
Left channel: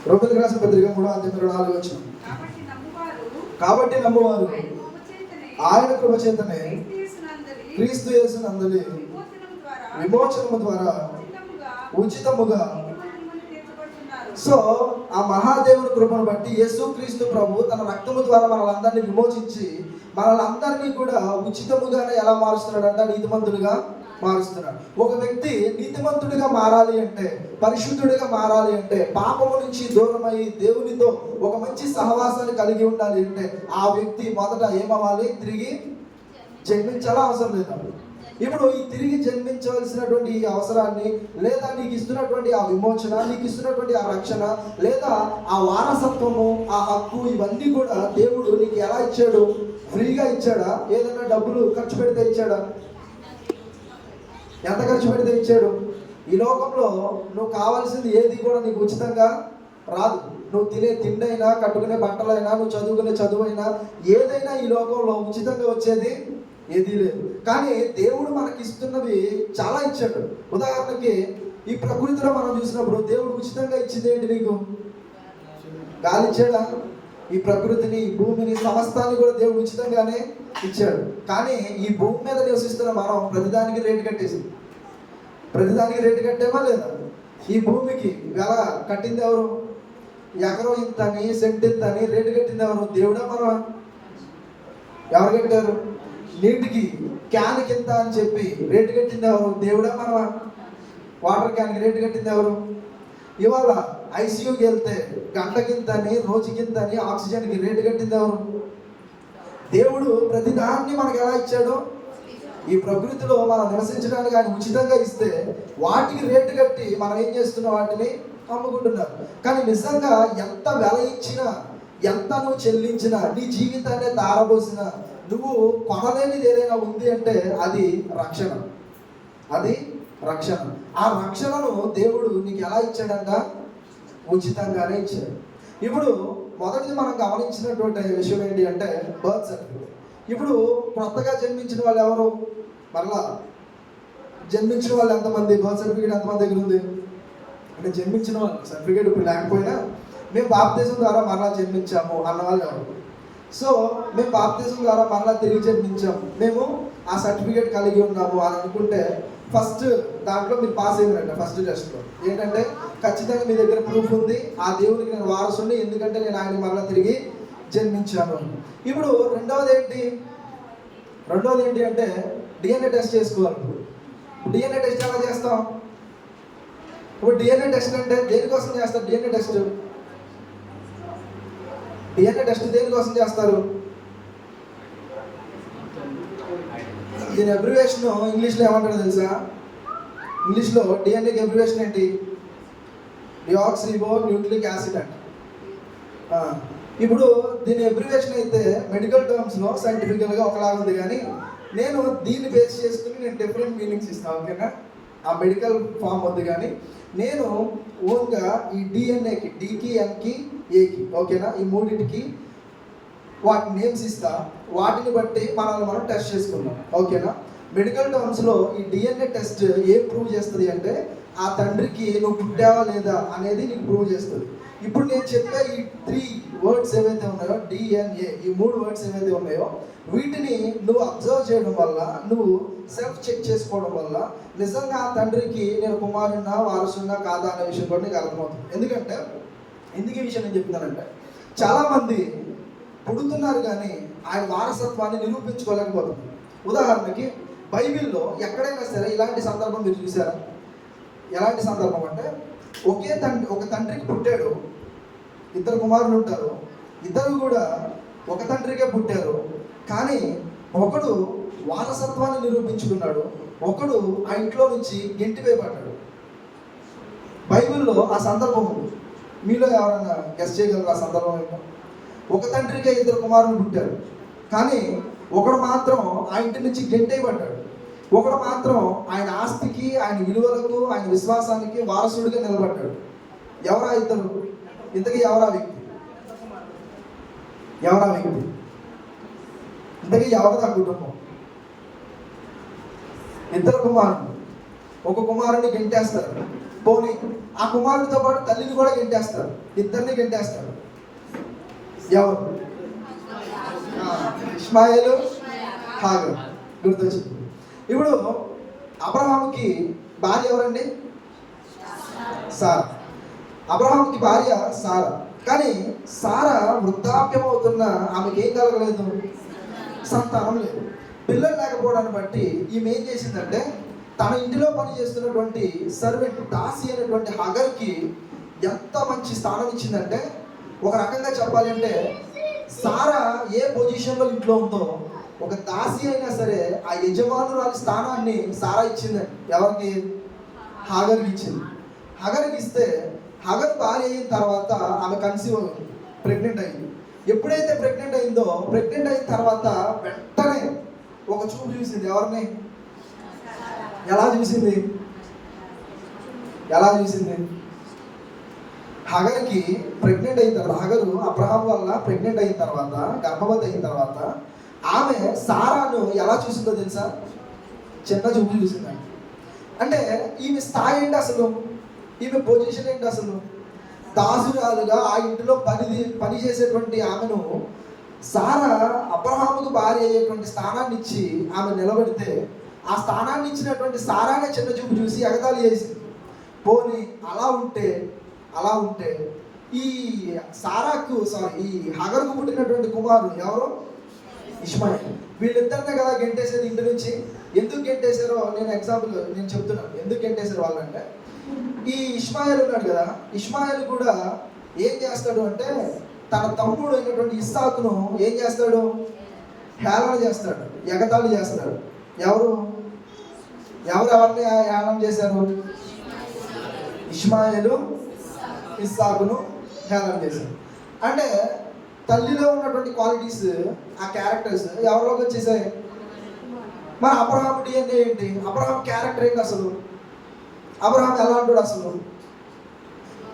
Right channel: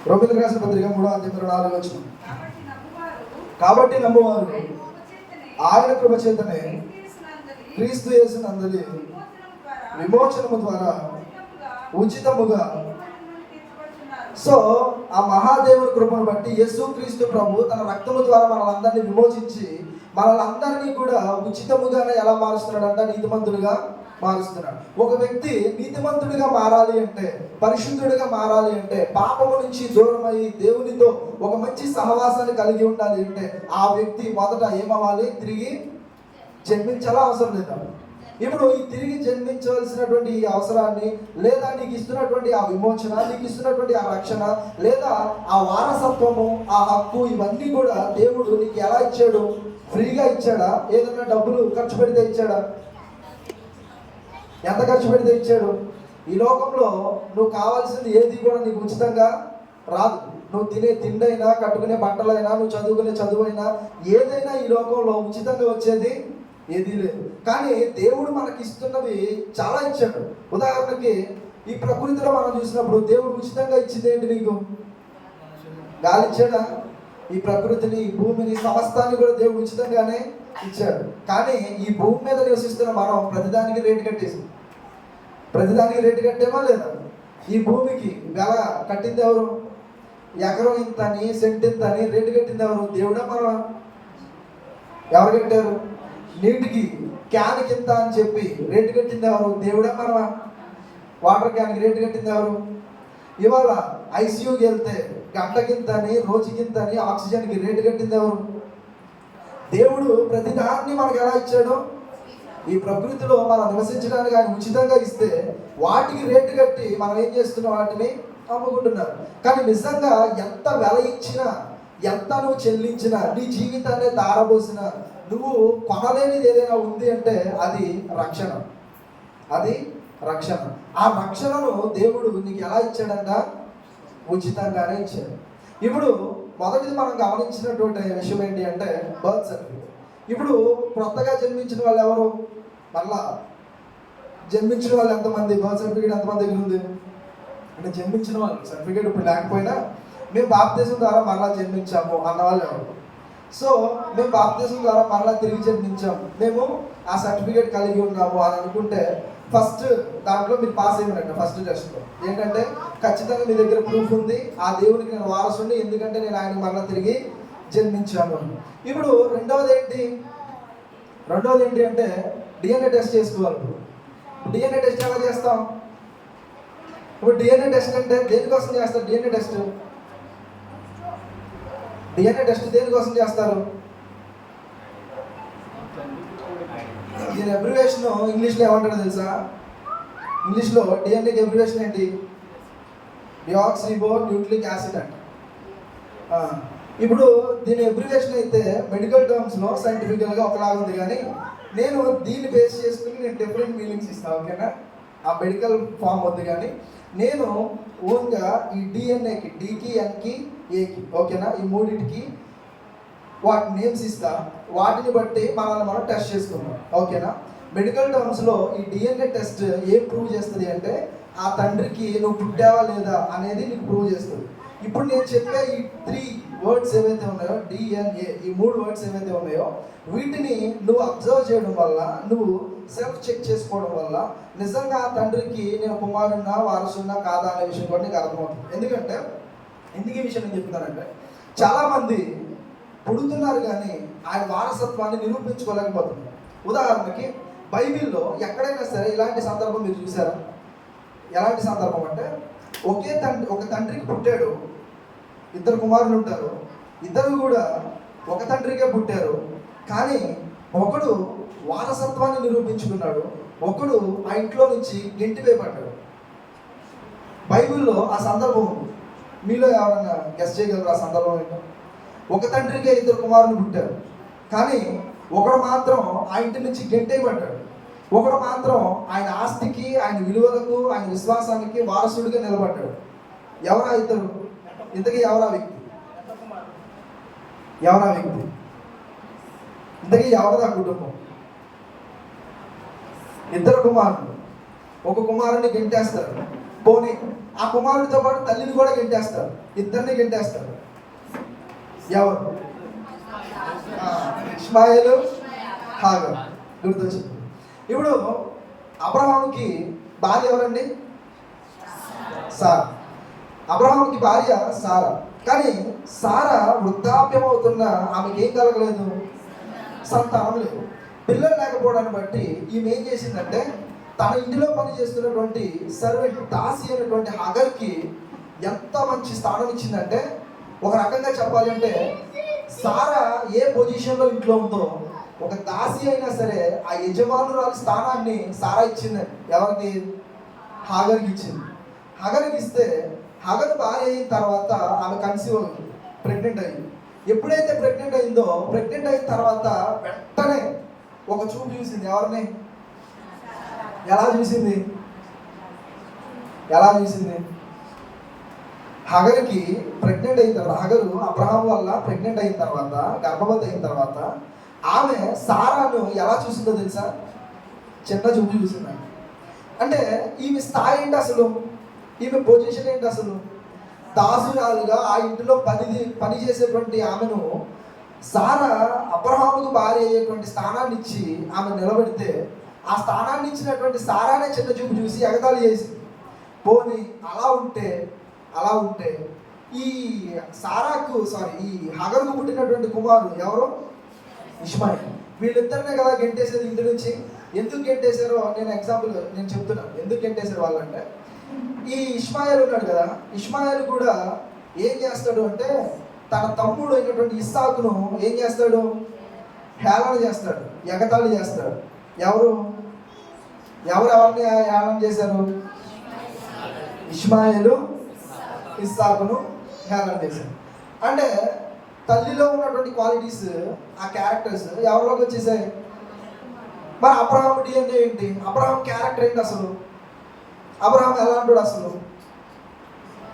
రోమిలకు రాసిన పత్రిక 3:24 వచ్చింది. కాబట్టి నమ్మువారు ఆయన కృప చేతనే క్రీస్తు యేసునందలి విమోచనము ద్వారా ఉచితముగా. సో ఆ మహాదేవుని కృపను బట్టి యేసుక్రీస్తు ప్రభు తన రక్తము ద్వారా మనల్ని విమోచించి మనల్ని కూడా ఉచితముగానే ఎలా మారుస్తున్నాడంట? నీతిమంతులుగా మారుస్తున్నాడు. ఒక వ్యక్తి నీతిమంతుడిగా మారాలి అంటే, పరిశుద్ధుడిగా మారాలి అంటే, పాపము నుంచి దూరమై దేవునితో ఒక మంచి సహవాసాన్ని కలిగి ఉండాలి అంటే ఆ వ్యక్తి మొదట ఏమవ్వాలి? తిరిగి జన్మించాలా? అవసరం లేదా? ఇప్పుడు ఈ తిరిగి జన్మించవలసినటువంటి ఈ అవసరాన్ని, లేదా నీకు ఇస్తున్నటువంటి ఆ విమోచన, నీకు ఇస్తున్నటువంటి ఆ రక్షణ, లేదా ఆ వారసత్వము, ఆ హక్కు, ఇవన్నీ కూడా దేవుడు నీకు ఎలా ఇచ్చాడు? ఫ్రీగా ఇచ్చాడా? ఏదైనా డబ్బులు ఖర్చు పెడితే ఇచ్చాడా? ఎంత ఖర్చు పెడితే ఇచ్చాడు? ఈ లోకంలో నువ్వు కావాల్సింది ఏది కూడా నీకు ఉచితంగా రాదు. నువ్వు తినే తిండైనా, కట్టుకునే బట్టలైనా, నువ్వు చదువుకునే చదువైనా, ఏదైనా ఈ లోకంలో ఉచితంగా వచ్చేది ఏదీ లేదు. కానీ దేవుడు మనకి ఇస్తున్నవి చాలా ఇచ్చాడు. ఉదాహరణకి ఈ ప్రకృతిలో మనం చూసినప్పుడు దేవుడు ఉచితంగా ఇచ్చింది ఏంటి? నీకు గాలి ఇచ్చాడా? ఈ ప్రకృతిని, ఈ భూమిని, సమస్తాన్ని కూడా దేవుడు ఉచితంగానే ఇచ్చాడు. కానీ ఈ భూమి మీద నివసిస్తున్న మనం ప్రతిదానికి రేటు కట్టేసాం. ప్రతిదానికి రేటు కట్టేమా లేదా? ఈ భూమికి వెల కట్టింది ఎవరు? ఎకరం ఇంత అని, సెంట్ ఇంత అని రేటు కట్టింది ఎవరు? దేవుడా మనమా? ఎవరు కట్టారు? నీటికి క్యాన్ కింద అని చెప్పి రేటు కట్టింది ఎవరు? దేవుడా మనమా? వాటర్ క్యాన్కి రేటు కట్టింది ఎవరు? ఇవాళ ఐసీయూకి వెళ్తే గంటకింతని, రోజుకింతని ఆక్సిజన్కి రేటు కట్టింది ఎవరు? దేవుడు ప్రతిదాన్ని మనకు ఎలా ఇచ్చాడు? ఈ ప్రకృతిలో మనం నివసించడానికి ఆయన ఉచితంగా ఇస్తే వాటికి రేటు కట్టి మనం ఏం చేస్తున్నాం? వాటిని అమ్ముకుంటున్నాం. కానీ నిజంగా ఎంత వెల ఇచ్చినా, ఎంత నువ్వు చెల్లించినా, నీ జీవితాన్ని తారబోసినా, నువ్వు కొనలేనిది ఏదైనా ఉంది అంటే అది రక్షణ. అది రక్షణ. ఆ రక్షణను దేవుడు నీకు ఎలా ఇచ్చాడంట? ఉచితంగానే ఇచ్చాడు. ఇప్పుడు మొదటిది మనం గమనించినటువంటి విషయం ఏంటి అంటే బర్త్ సర్టిఫికేట్. ఇప్పుడు కొత్తగా జన్మించిన వాళ్ళు ఎవరు? మళ్ళా జన్మించిన వాళ్ళు ఎంతమంది? బర్త్ సర్టిఫికేట్ ఎంతమంది దగ్గర ఉంది అంటే జన్మించిన వాళ్ళు సర్టిఫికేట్ ఇప్పుడు లేకపోయినా మేము బాప్తిజం ద్వారా మరలా జన్మించాము అన్నవాళ్ళు ఎవరు? సో మేము బాప్తిజం ద్వారా మరలా తిరిగి జన్మించాము, మేము ఆ సర్టిఫికేట్ కలిగి ఉన్నాము అని అనుకుంటే ఫస్ట్ దాంట్లో మీరు పాస్ అయ్యారంట. ఫస్ట్ టెస్ట్లో ఏంటంటే ఖచ్చితంగా మీ దగ్గర ప్రూఫ్ ఉంది, ఆ దేవునికి నేను వారసుని, ఎందుకంటే నేను ఆయన మరలా తిరిగి జన్మించాను. ఇప్పుడు రెండవది ఏంటి అంటే డిఎన్ఏ టెస్ట్ చేసుకోవాలి. డిఎన్ఏ టెస్ట్ ఎలా చేస్తాం? ఇప్పుడు డిఎన్ఏ టెస్ట్ అంటే దేనికోసం చేస్తారు? డిఎన్ఏ టెస్ట్ దేనికోసం చేస్తారు? దీని అబ్రివేషన్ ఇంగ్లీష్లో ఏమంటారో తెలుసా? ఇంగ్లీష్లో డిఎన్ఏకి అబ్రివేషన్ ఏంటి? డిఆక్సిరిబో న్యూక్లిక్ యాసిడ్ అంట. ఇప్పుడు దీని అబ్రివేషన్ అయితే మెడికల్ టర్మ్స్లో సైంటిఫికల్గా ఒకలాగా ఉంది, కానీ నేను దీన్ని బేస్ చేసుకుని నేను డిఫరెంట్ మీనింగ్స్ ఇస్తాను. ఓకేనా? ఆ మెడికల్ ఫామ్ ఉంది, కానీ నేను ఓన్గా ఈ డిఎన్ఏకి, డికి, ఎన్కి, ఏకి, ఓకేనా, ఈ మూడింటికి వాటి నేమ్స్ ఇస్తా. వాటిని బట్టి మనం టెస్ట్ చేసుకున్నాం. ఓకేనా? మెడికల్ టర్మ్స్లో ఈ డిఎన్ఏ టెస్ట్ ఏం ప్రూవ్ చేస్తుంది అంటే ఆ తండ్రికి నువ్వు పుట్టావా లేదా అనేది నీకు ప్రూవ్ చేస్తుంది. ఇప్పుడు నేను చెప్పే ఈ 3 వర్డ్స్ ఏవైతే ఉన్నాయో, డిఎన్ఏ, ఈ 3 వర్డ్స్ ఏవైతే ఉన్నాయో, వీటిని నువ్వు అబ్జర్వ్ చేయడం వల్ల, నువ్వు సెల్ఫ్ చెక్ చేసుకోవడం వల్ల నిజంగా ఆ తండ్రికి నేను కుమారున్నా, వారసున్నా కాదా అనే విషయం కూడా నీకు అర్థమవుతుంది. ఎందుకంటే ఎందుకు ఈ విషయం నేను చెప్తున్నానంటే చాలామంది పుడుతున్నారు కానీ ఆయన వారసత్వాన్ని నిరూపించుకోలేకపోతున్నారు. ఉదాహరణకి బైబిల్లో ఎక్కడైనా సరే ఇలాంటి సందర్భం మీరు చూసారా? ఎలాంటి సందర్భం అంటే ఒక తండ్రికి పుట్టాడు, 2 కుమారులు ఉంటారు, ఇద్దరు కూడా ఒక తండ్రికే పుట్టారు, కానీ ఒకడు వారసత్వాన్ని నిరూపించుకున్నాడు, ఒకడు ఆ ఇంట్లో నుంచి గెంటివేయబడ్డాడు. బైబిల్లో ఆ సందర్భం మీలో ఎవరన్నా గెస్ చేయగలరు? ఆ సందర్భం ఏంటో? ఒక తండ్రికే 2 కుమారులు పుట్టారు, కానీ ఒకడు మాత్రం ఆ ఇంటి నుంచి గెంటేయబడ్డాడు. ఒకడు మాత్రం ఆయన ఆస్తికి, ఆయన విలువలకు, ఆయన విశ్వాసానికి వారసుడిగా నిలబడ్డాడు. ఎవరా ఇద్దరు? ఇంతకీ ఎవరా వ్యక్తి? ఇంతకీ ఎవరా కుటుంబం? 2 కుమారులు. ఒక కుమారుని గెంటేస్తారు, పోనీ ఆ కుమారుడితో పాటు తల్లిని కూడా గెంటేస్తారు, ఇద్దరిని గెంటేస్తారు. ఎవరు? ఇష్మాయేలు, హాగర్. గుర్తొచ్చింది. ఇప్పుడు అబ్రహాముకి భార్య ఎవరండి? సారా. అబ్రహాముకి భార్య సారా. కానీ సారా వృద్ధాప్యం అవుతున్న ఆమెకి ఏం కలగలేదు? సంతానం లేదు. పిల్లలు లేకపోవడాన్ని బట్టి ఈమె ఏం చేసిందంటే తన ఇంటిలో పనిచేస్తున్నటువంటి సర్వెంట్ దాసి అనేటువంటి హగర్కి ఎంత మంచి స్థానం ఇచ్చిందంటే, ఒక రకంగా చెప్పాలంటే సారా ఏ పొజిషన్లో ఇంట్లో ఉందో ఒక దాసి అయినా సరే ఆ యజమానురాలి స్థానాన్ని సారా ఇచ్చిందండి. ఎవరికి? హాగర్కి ఇచ్చింది. హగర్కి ఇస్తే హగర్ భార్య అయిన తర్వాత ఆమె కన్సీవ్ అయింది, ప్రెగ్నెంట్ అయింది. ఎప్పుడైతే ప్రెగ్నెంట్ అయిందో, ప్రెగ్నెంట్ అయిన తర్వాత వెంటనే ఒక చూపు చూసింది. ఎవరిని? ఎలా చూసింది? హగర్కి ప్రెగ్నెంట్ అయిన తర్వాత, హగరు అబ్రహాం వల్ల ప్రెగ్నెంట్ అయిన తర్వాత, గర్భవతి అయిన తర్వాత ఆమె సారాను ఎలా చూసిందో తెలుసా? చిన్న చూపు చూసిందండి. అంటే ఈమె స్థాయి ఏంటి అసలు? ఈమె పొజిషన్ ఏంటి అసలు? దాసురాలుగా ఆ ఇంటిలో పని చేసేటువంటి ఆమెను సారా అబ్రహాముకు భార్య అయ్యేటువంటి స్థానాన్ని ఇచ్చి ఆమె నిలబెడితే, ఆ స్థానాన్ని ఇచ్చినటువంటి సారానే చిన్న చూపు చూసి ఎగతాళి చేసింది. పోనీ అలా ఉంటే ఈ ఈ హగరుకు పుట్టినటువంటి కుమారుడు ఎవరు? ఇష్మాయిల్. వీళ్ళిద్దరినే కదా గెంటేసేది ఇంటి నుంచి. ఎందుకు గెంటేశారో నేను చెప్తున్నాను. ఎందుకు గెంటేశారు వాళ్ళంటే, ఈ ఇష్మాయిల్ ఉన్నాడు కదా, ఇష్మాయిల్ కూడా ఏం చేస్తాడు అంటే తన తమ్ముడు అయినటువంటి ఇస్సాకును ఏం చేస్తాడు? హేళన చేస్తాడు, ఎగతాళి చేస్తాడు. ఎవరిని హేళన చేశారు? ఇష్మాయిలు ఇస్సాకును హేళన చేశాడు. అంటే తల్లిలో ఉన్నటువంటి క్వాలిటీస్, ఆ క్యారెక్టర్స్ ఎవరిలోకి వచ్చేసాయి? మరి అబ్రహాం డిఎన్ఏ ఏంటి? అబ్రహాం క్యారెక్టర్ ఏంటి అసలు? అబ్రహాం ఎలా అంటాడు అసలు?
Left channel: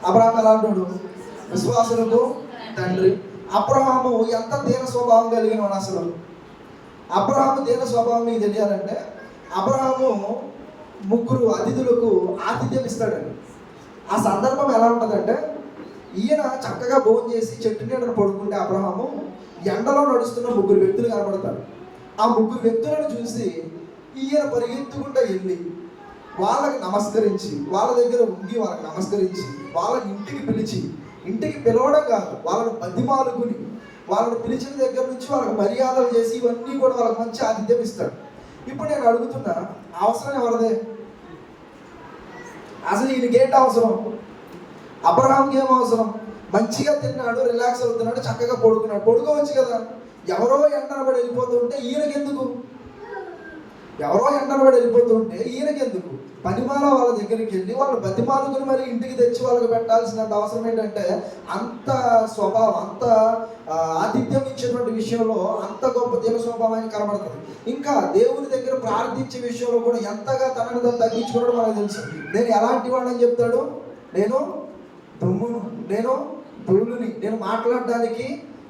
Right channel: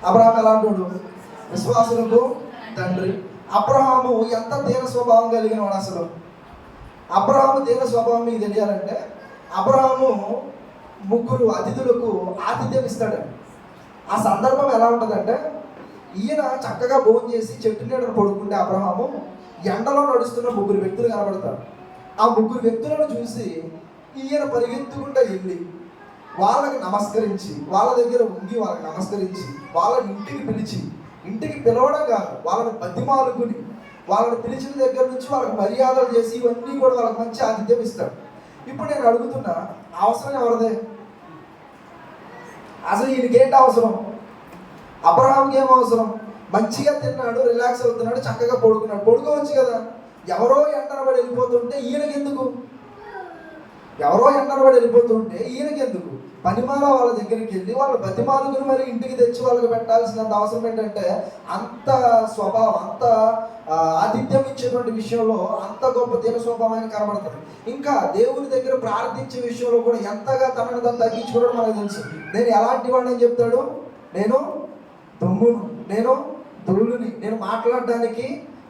అబ్రహాం ఎలా అంటాడు? విశ్వాసులకు తండ్రి. అబ్రహాము ఎంత దీన స్వభావం కలిగిన వాడు అసలు? అబ్రహాము దీన స్వభావం మీకు తెలియాలంటే, అబ్రహాము 3 అతిథులకు ఆతిథ్యం ఇస్తాడండి. ఆ సందర్భం ఎలా ఉంటుందంటే, ఈయన చక్కగా భోజనం చేసి చెట్టు నీడను పడుకుంటే అబ్రహాము ఎండలో నడుస్తున్న 3 వ్యక్తులు కనబడతారు. ఆ 3 వ్యక్తులను చూసి ఈయన పరిగెత్తుకుంటూ వెళ్ళి వాళ్ళకి నమస్కరించి, వాళ్ళ దగ్గర ఉండి వాళ్ళకి నమస్కరించి, వాళ్ళని ఇంటికి పిలవడం కాదు, వాళ్ళని బతిమాలుకుని, వాళ్ళని పిలిచిన దగ్గర నుంచి వాళ్ళకి మర్యాదలు చేసి ఇవన్నీ కూడా వాళ్ళకి మంచి ఆతిథ్యం ఇస్తాడు. ఇప్పుడు నేను అడుగుతున్నా, అవసరం ఎవరిదే? అసలు ఈయనకేంటి అవసరం? అబ్రహాంకి ఏం అవసరం? మంచిగా తిన్నాడు, రిలాక్స్ అవుతున్నాడు, చక్కగా పడుకోవచ్చు కదా. ఎవరో ఎండనబడి వెళ్ళిపోతుంటే ఈయనకెందుకు? పనిమాల వాళ్ళ దగ్గరికి వెళ్ళి వాళ్ళు బతిమాలుకుని మరి ఇంటికి తెచ్చి వాళ్ళకి పెట్టాల్సినంత అవసరం ఏంటంటే, అంత స్వభావం, అంత ఆతిథ్యం ఇచ్చేటువంటి విషయంలో అంత గొప్ప దీన స్వభావాన్ని కనబడతాడు. ఇంకా దేవుని దగ్గర ప్రార్థించే విషయంలో కూడా ఎంతగా తనని తను తగ్గించుకోవడం మనకు తెలుసు. నేను ఎలాంటి వాడిని అని చెప్తాడు? నేను దుమ్మును, నేను ధూళిని, నేను మాట్లాడడానికి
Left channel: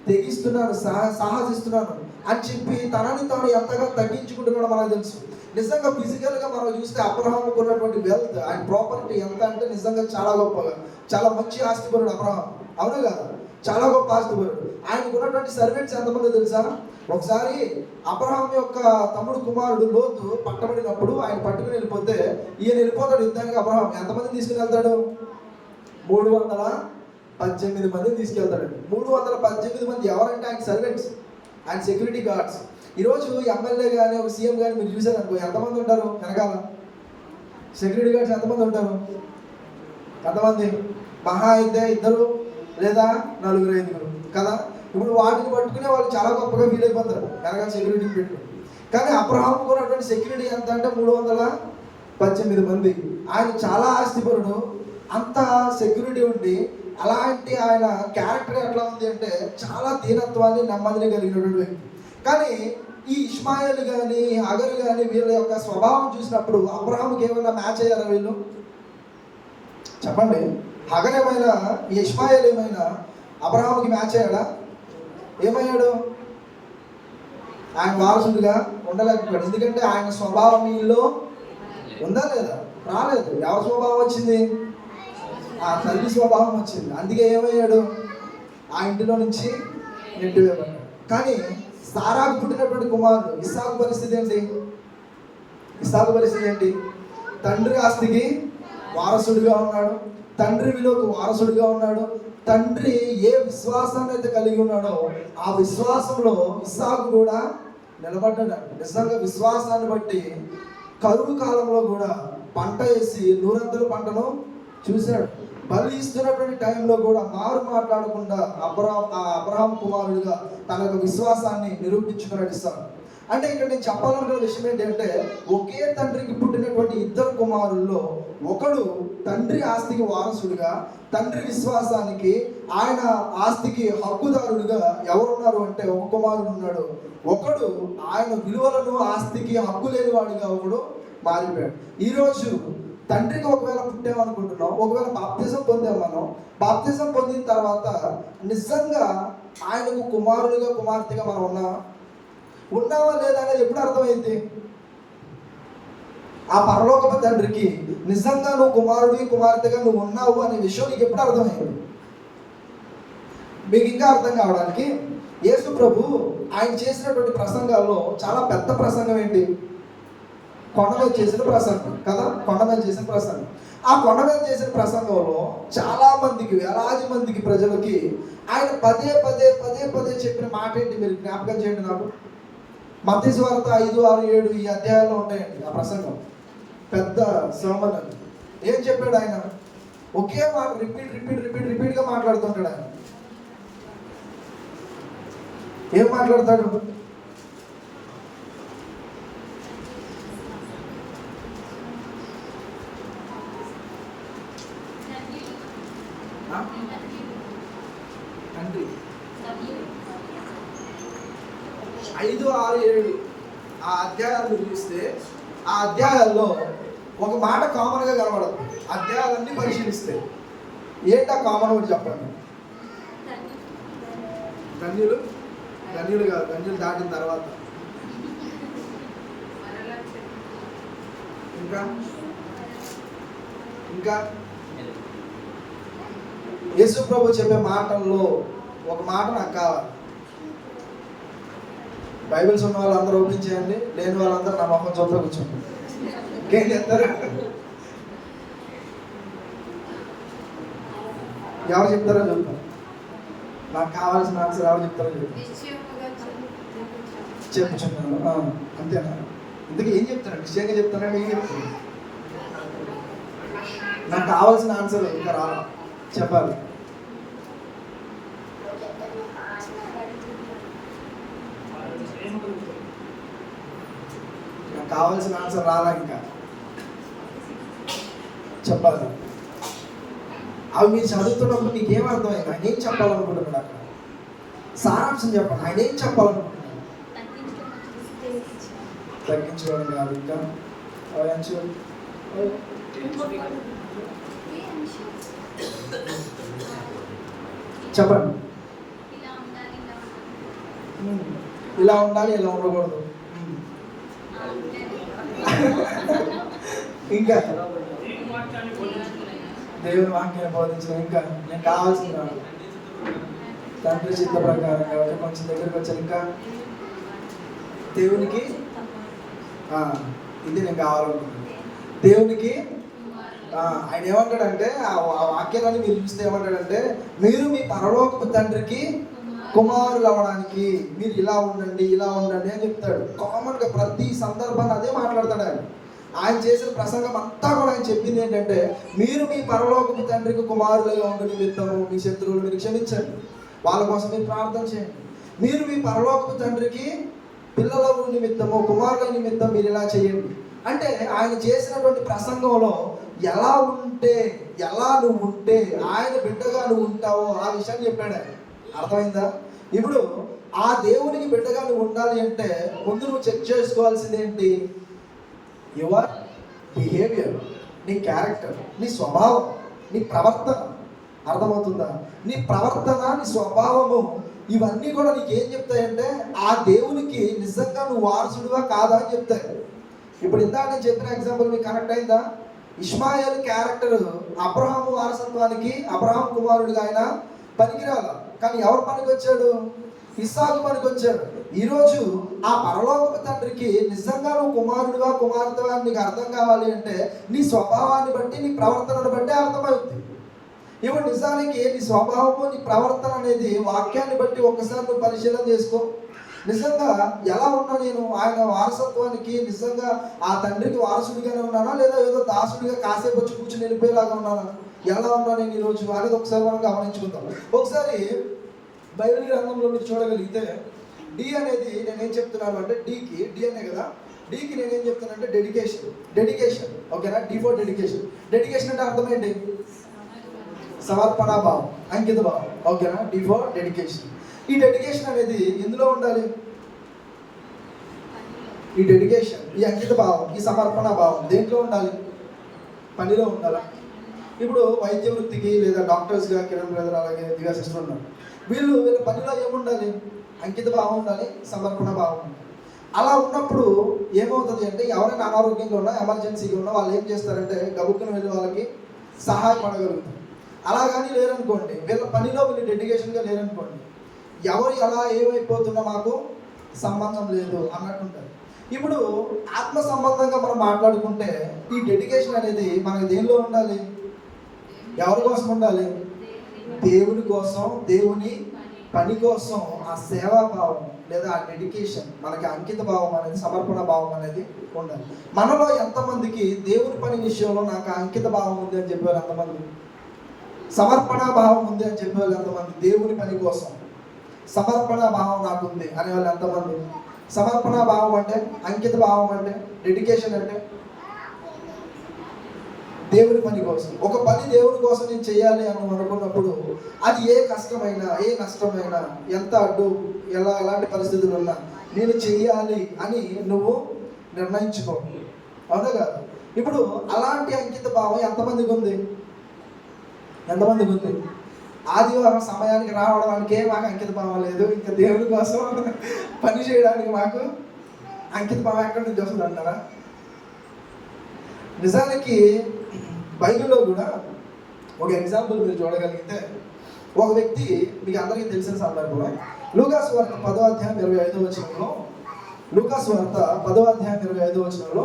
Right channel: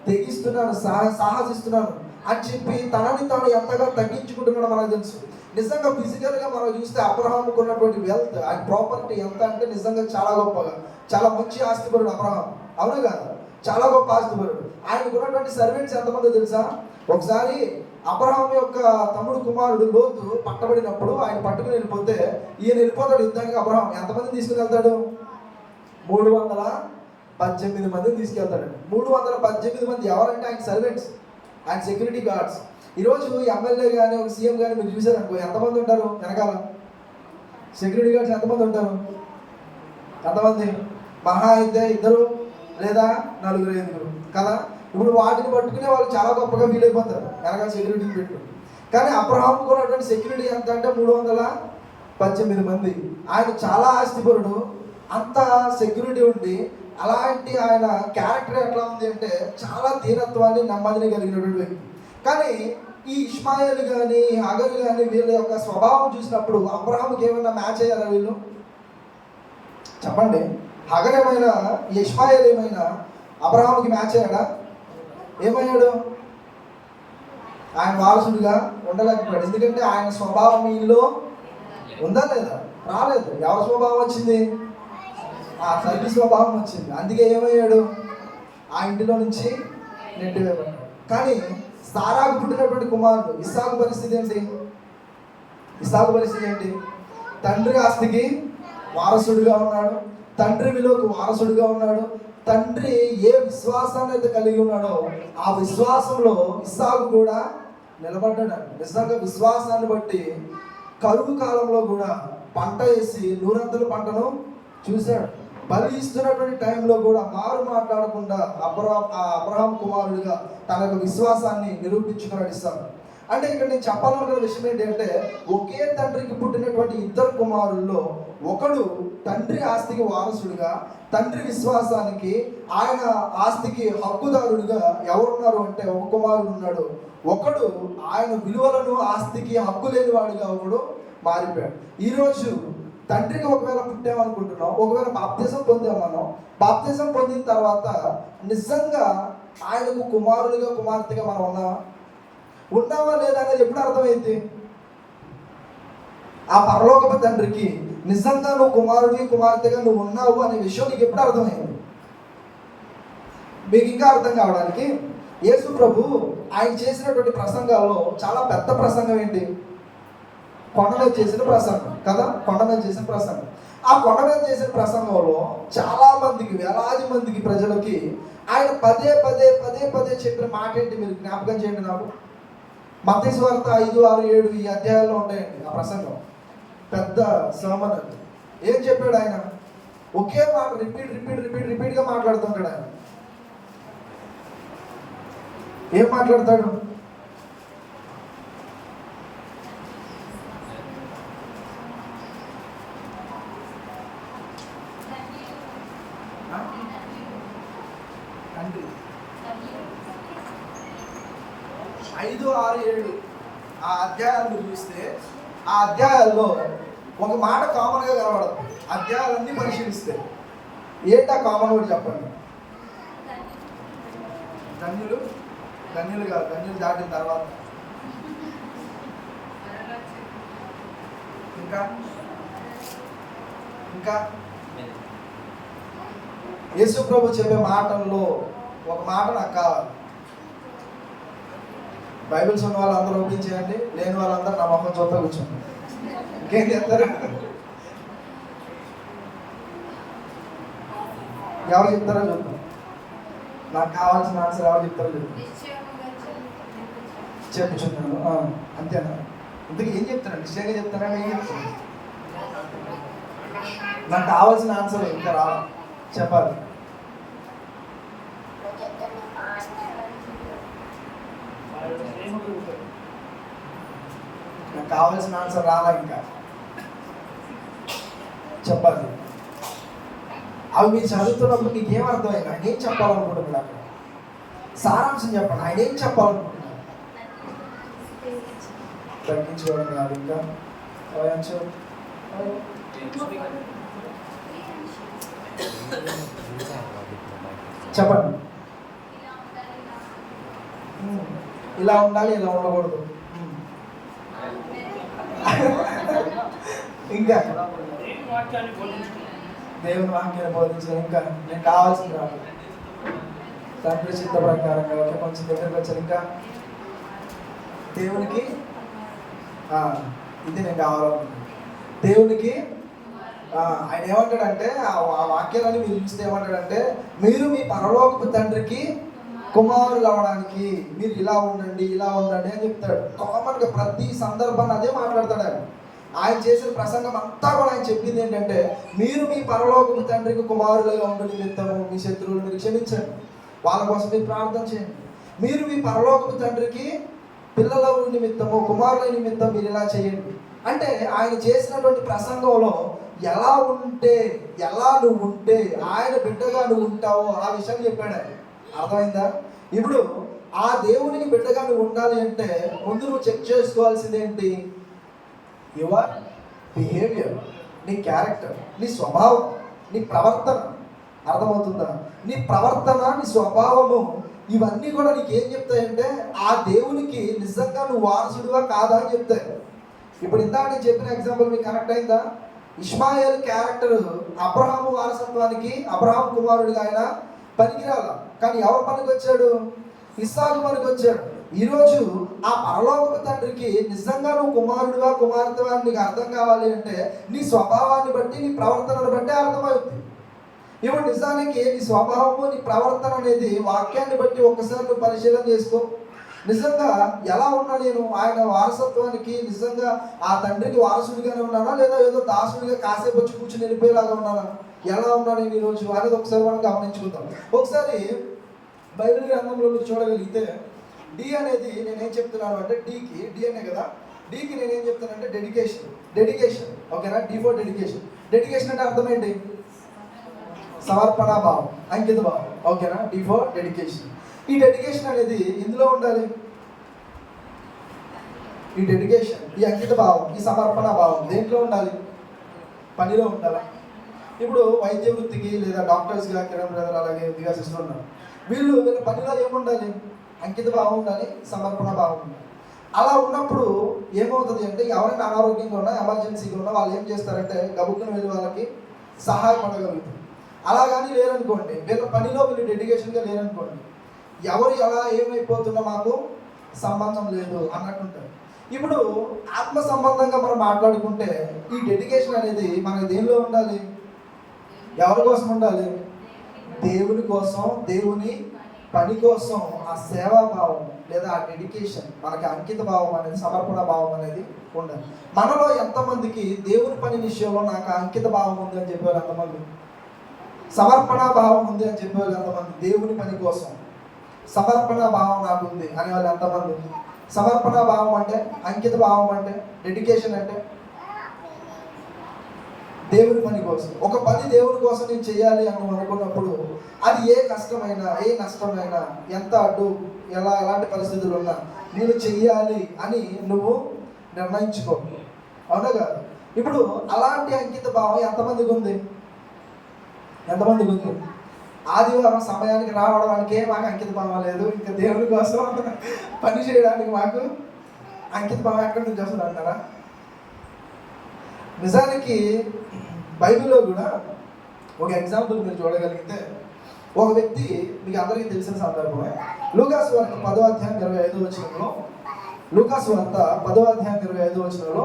తెగిస్తున్నాను, సాహసిస్తున్నాను అని చెప్పి తనని తాను ఎంతగా తగ్గించుకుంటున్నాడో మనకు తెలుసు. నిజంగా ఫిజికల్గా మనం చూస్తే అబ్రహాంకు ఉన్నటువంటి వెల్త్, ఆయన ప్రాపర్టీ ఎంత అంటే నిజంగా చాలా గొప్పగా, చాలా మంచి ఆస్తిపరుడు అబ్రహాం. అవును కదా? చాలా గొప్ప ఆస్తిపరుడు. ఆయనకు ఉన్నటువంటి సర్వెంట్స్ ఎంతమందో తెలుసా? ఒకసారి అబ్రహాం యొక్క తమ్ముడు కుమారుడు లోతు పట్టబడినప్పుడు ఆయన పట్టుకుని వెళ్ళిపోతే ఈయన వెళ్ళిపోతాడు యుద్ధానికి. అబ్రహాం ఎంతమంది తీసుకుని వెళ్తాడు? 318 మందిని తీసుకెళ్తాడు. 318 మంది ఎవరంటే ఆయన సర్వెంట్స్, ఆయన సెక్యూరిటీ గార్డ్స్. ఈరోజు ఎమ్మెల్యే కానీ ఒక సీఎం కానీ మీరు చూసారనుకో, ఎంతమంది ఉంటారు వెనకాల? సెక్యూరిటీ గార్డ్స్ ఎంతమంది ఉంటారు? ఎంతమంది? మహా అయితే 2 లేదా 4-5 కదా. ఇప్పుడు వాటిని పట్టుకునే వాళ్ళు చాలా గొప్పగా ఫీల్ అయిపోతారు వెనకాల సెక్యూరిటీ పెట్టి. కానీ అబ్రహాం ఉన్నటువంటి సెక్యూరిటీ ఎంత అంటే 318 మంది. ఆయన చాలా ఆస్తిపరుడు, అంత సెక్యూరిటీ ఉండి అలాంటి ఆయన క్యారెక్టర్ ఎట్లా ఉంది అంటే చాలా దీనత్వాన్ని, నెమ్మదిని కలిగినటువంటి వ్యక్తి. కానీ ఈ ఇష్మాయిల్ కానీ హగర్ కానీ వీళ్ళ యొక్క స్వభావం చూసినప్పుడు అబ్రహాంకి ఏమైనా మ్యాచ్ అయ్యారా వీళ్ళు? చెప్పండి. హగర్ ఏమైనా, ఈ ఇష్మాయిల్ ఏమైనా అబ్రహాంకి మ్యాచ్ అయ్యాడా? ఏమయ్యాడు? ఆయన వారసుడిగా ఉండలేకపోయాడు. ఎందుకంటే ఆయన స్వభావం వీళ్ళు ఉందా లేదా? రాలేదు. ఎవరి స్వభావం వచ్చింది? ఆ తల్లి స్వభావం వచ్చింది. అందుకే ఏమయ్యాడు, ఆ ఇంటిలో నుంచి నెట్టివేయబడ్డాడు. కానీ సారాకు పుట్టినటువంటి కుమారుడు ఇస్సాకు పరిస్థితి ఏంటి? ఇస్సాకు పరిస్థితి ఏంటి? తండ్రి ఆస్తికి వారసుడిగా ఉన్నాడు, తండ్రి విలువకు వారసుడిగా ఉన్నాడు. తండ్రి ఏ విశ్వాసాన్ని అయితే కలిగి ఉన్నాడో ఆ విశ్వాసంలో ఇస్సాకు కూడా నిలబడ్డాడు. నిజంగా విశ్వాసాన్ని బట్టి కరువు కాలంలో కూడా పంట వేసి నూరంతల పంటను చూశాడు. బలి ఇస్తున్నటువంటి టైంలో కూడా మారు మాట్లాడకుండా అబ్రహాం కుమారుడిగా తన విశ్వాసాన్ని నిరూపించుకున్నాడు ఇస్సాకు. అంటే ఇక్కడ నేను చెప్పాలనుకున్న విషయం ఏంటంటే, ఒకే తండ్రికి పుట్టినటువంటి ఇద్దరు కుమారుల్లో ఒకడు తండ్రి ఆస్తికి వారసుడిగా, తండ్రి విశ్వాసానికి ఆయన ఆస్తికి హక్కుదారుడిగా ఎవరున్నారు అంటే ఒక కుమారుడు ఉన్నాడు. ఒకడు ఆయన విలువలను ఆస్తికి హక్కు లేని వాడిగా ఒకడు మారిపోయాడు. ఈరోజు తండ్రికి ఒకవేళ పుట్టామనుకుంటున్నాం, ఒకవేళ బాప్తిజం పొందాం. మనం బాప్తిజం పొందిన తర్వాత నిజంగా ఆయనకు కుమారుడిగా కుమార్తెగా మనం ఉన్నావా లేదా అనేది ఎప్పుడు అర్థమైంది? ఆ పరలోకపు తండ్రికి నిజంగా నువ్వు కుమారుడి కుమార్తెగా నువ్వు ఉన్నావు అనే విషయం నీకు ఎప్పుడు అర్థమైంది? మీకు ఇంకా అర్థం కావడానికి యేసు ప్రభు ఆయన చేసినటువంటి ప్రసంగాల్లో చాలా పెద్ద ప్రసంగం ఏంటి? కొండ మీద చేసిన ప్రసంగం కదా, కొండ మీద చేసిన ప్రసంగం. ఆ కొండ మీద చేసిన ప్రసంగంలో చాలా మందికి, వేలాది మందికి ప్రజలకి ఆయన పదే పదే పదే పదే చెప్పిన మాట ఏంటి? మీరు జ్ఞాపకం చేయండి నాకు. మత్తయి సువార్త 5, 6, 7 ఈ అధ్యాయాల్లో ఉంటాయండి ఆ ప్రసంగం. పెద్ద sermon. ఏం చెప్పాడు ఆయన? ఒకే మాట రిపీట్గా మాట్లాడుతుంటాడు ఆయన. ఏం మాట్లాడతాడు? తండ్రి 5, 6, 7 ఆ అధ్యాయాలు చూస్తే ఆ అధ్యాయాల్లో ఒక మాట కామన్గా కనబడదు. అధ్యాయాలన్నీ పరిశీలిస్తే ఏంటా కామన్ వర్డ్ చెప్పండి? ధన్యులు కాదు, ధన్యులు దాటిన తర్వాత ఇంకా యేసు ప్రభు చెప్పే మాటల్లో ఒక మాట నాకు కావాలి. బైబిల్స్ ఉన్న వాళ్ళందరూ ఓపెన్ చేయండి, లేని వాళ్ళందరూ నా మొహం చూపే కూర్చోండి. ఇంకేం చెప్తారు? ఎవరు చెప్తారో చూద్దాం. నాకు కావాల్సిన ఆన్సర్ ఎవరు చెప్తారో చూద్దాం. చెప్పుచున్నాను అంతేనా? ఇందుకు ఏం చెప్తాను? నిశ్చయంగా చెప్తారా? ఏం చెప్తాను? నాకు కావాల్సిన ఆన్సర్ ఇంకా రావాలి, చెప్పాలి. నాకు కావాల్సిన ఆన్సర్ రాలా, ఇంకా చెప్పాలి. అవి మీరు చదువుతున్నప్పుడు మీకు ఏమర్థమైంది? ఆయన ఏం చెప్పాలనుకుంటున్నాడు? అక్కడ సారాంశం చెప్పండి. ఆయన ఏం చెప్పాలనుకుంటున్నాడు? తగ్గించుకోవడం కాదు, ఇంకా చెప్పండి. ఇలా ఉండాలి, ఇలా ఉండకూడదు. ఇంకా దేవుని వాక్యాన్ని బోధించడం. ఇంకా నేను కావాల్సింది రాదు, తండ్రి చిత్త ప్రకారంగా కొంచెం దగ్గరకు వచ్చాను. ఇంకా దేవునికి ఇది నేను కావాలనుకుంటున్నాను. దేవునికి ఆయన ఏమంటాడంటే, ఆ వాక్యాలని మీరు చూస్తే ఏమంటాడంటే, మీరు మీ పరలోకపు తండ్రికి కుమారులు అవడానికి మీరు ఇలా ఉండండి అని చెప్తాడు. కామన్గా ప్రతి సందర్భాన్ని అదే మాట్లాడతాడు ఆయన. ఆయన చేసిన ప్రసంగం అంతా కూడా ఆయన చెప్పింది ఏంటంటే, మీరు మీ పరలోకపు తండ్రికి కుమారులుగా ఉండు నిమిత్తము మీ శత్రువులు మీరు క్షమించండి, వాళ్ళ కోసం మీరు ప్రార్థన చేయండి. మీరు మీ పరలోకపు తండ్రికి పిల్లల నిమిత్తము కుమారుల నిమిత్తం మీరు ఇలా చేయండి. అంటే ఆయన చేసినటువంటి ప్రసంగంలో ఎలా నువ్వు ఉంటే ఆయన బిడ్డగా నువ్వు ఉంటావో ఆ విషయాన్ని చెప్పాడు. అర్థమైందా? ఇప్పుడు ఆ దేవునికి బిడ్డగా నువ్వు ఉండాలి అంటే ముందు నువ్వు చెక్ చేసుకోవాల్సింది ఏంటి? యువర్ బిహేవియర్, నీ క్యారెక్టర్, నీ స్వభావం, నీ ప్రవర్తన. అర్థమవుతుందా? నీ ప్రవర్తన, నీ స్వభావము, ఇవన్నీ కూడా నీకు ఏం చెప్తాయంటే ఆ దేవునికి నిజంగా నువ్వు వారసుడుగా కాదా అని చెప్తాయి. ఇప్పుడు ఇందాక నేను చెప్పిన ఎగ్జాంపుల్ మీకు కరెక్ట్ అయిందా? ఇష్మాయేల్ క్యారెక్టర్ అబ్రహాము వారసత్వానికి అబ్రహాం కుమారుడిగా ఆయన పనికిరాల. కానీ ఎవరు పనికి వచ్చాడు? ఇస్సాకు పనికి వచ్చాడు. ఈరోజు ఆ పరలోకపు తండ్రికి నిజంగా నువ్వు కుమారుడుగా కుమార్తెగా నీకు అర్థం కావాలి అంటే నీ స్వభావాన్ని బట్టి నీ ప్రవర్తనను బట్టి అర్థమవుతుంది. ఇప్పుడు నిజానికి నీ స్వభావము నీ ప్రవర్తన అనేది వాక్యాన్ని బట్టి ఒకసారి నువ్వు పరిశీలన చేసుకో. నిజంగా ఎలా ఉన్నా నేను ఆయన వారసత్వానికి నిజంగా ఆ తండ్రికి వారసుడిగానే ఉన్నానా, లేదా ఏదో దాసుడిగా కాసేపు వచ్చి కూర్చొని వెళ్ళిపోయేలాగా ఉన్నానా, ఎలా ఉన్నా నేను ఈరోజు అనేది ఒకసారి మనం గమనించుకుందాం. ఒకసారి బైబిల్ గ్రంథంలో మీరు చూడగలిగితే డి అనేది నేనేం చెప్తున్నాను అంటే డి అనే కదా, డికి నేనేం చెప్తున్నాను అంటే డెడికేషన్. ఓకేనా? D for dedication. డెడికేషన్ అంటే అర్థం ఏంటి? సమర్పణ భావం, అంకిత భావం. ఓకేనా? D for dedication. ఈ డెడికేషన్ అనేది ఇందులో ఉండాలి. ఈ డెడికేషన్, ఈ అంకిత భావం, ఈ సమర్పణ భావం దేంట్లో ఉండాలి? పనిలో ఉండాలి. ఇప్పుడు వైద్య వృత్తికి లేదా డాక్టర్స్గా కిరణ్ బ్రదర్ అలాగే దిగా సిస్టర్ ఉన్నారు. వీళ్ళ పనిలో ఏముండాలి? అంకిత భావం ఉండాలి, సమర్పణ భావం ఉండాలి. అలా ఉన్నప్పుడు ఏమవుతుంది అంటే ఎవరైనా అనారోగ్యంగా ఉన్నా ఎమర్జెన్సీగా ఉన్నా వాళ్ళు ఏం చేస్తారంటే గబుక్కుని వెళ్ళి వాళ్ళకి సహాయపడగలుగుతారు. అలా కానీ లేరనుకోండి, వీళ్ళ పనిలో వీళ్ళు డెడికేషన్గా లేరనుకోండి, ఎవరు ఎలా ఏమైపోతున్నా మాకు సంబంధం లేదు అన్నట్టుంటారు. ఇప్పుడు ఆత్మ సంబంధంగా మనం మాట్లాడుకుంటే ఈ డెడికేషన్ అనేది మనకి దేనిలో ఉండాలి? ఎవరి కోసం ఉండాలి? దేవుని కోసం, దేవుని పని కోసం ఆ సేవా భావం లేదా ఆ డెడికేషన్, మనకి అంకిత భావం అనేది, సమర్పణ భావం అనేది ఉండాలి. మనలో ఎంతమందికి దేవుని పని విషయంలో నాకు అంకిత భావం ఉంది అని చెప్పేవాళ్ళు ఎంతమంది? సమర్పణ భావం ఉంది అని చెప్పేవాళ్ళు ఎంతమంది? దేవుని పని కోసం సమర్పణ భావం నాకు ఉంది అనేవాళ్ళు ఎంతమంది? సమర్పణ భావం అంటే, అంకిత భావం అంటే, డెడికేషన్ అంటే దేవుని పని కోసం. ఒక పని దేవుని కోసం నేను చేయాలి అని అనుకున్నప్పుడు అది ఏ కష్టమైనా, ఏ నష్టమైనా, ఎంత అడ్డు, ఎలాంటి పరిస్థితులు ఉన్నా నేను చెయ్యాలి అని నువ్వు నిర్ణయించుకో. అవునా కాదు? ఇప్పుడు అలాంటి అంకిత భావం ఎంతమందికి ఉంది? ఆదివారం సమయానికి రావడానికి మాకు అంకిత భావం లేదు, ఇంకా దేవుని కోసం పని చేయడానికి మాకు అంకిత భావం ఎక్కడి నుంచి వస్తుంది అంటారా? నిజానికి బైబిల్లో కూడా ఒక ఎగ్జాంపుల్ మీరు చూడగలిగితే, ఒక వ్యక్తి మీకు అందరికీ తెలిసిన సందర్భమే. లూకాసు వార్త 10వ అధ్యాయం 25వ వచనంలో, లూకాసు వార్త 10వ అధ్యాయం 25వ వచనంలో,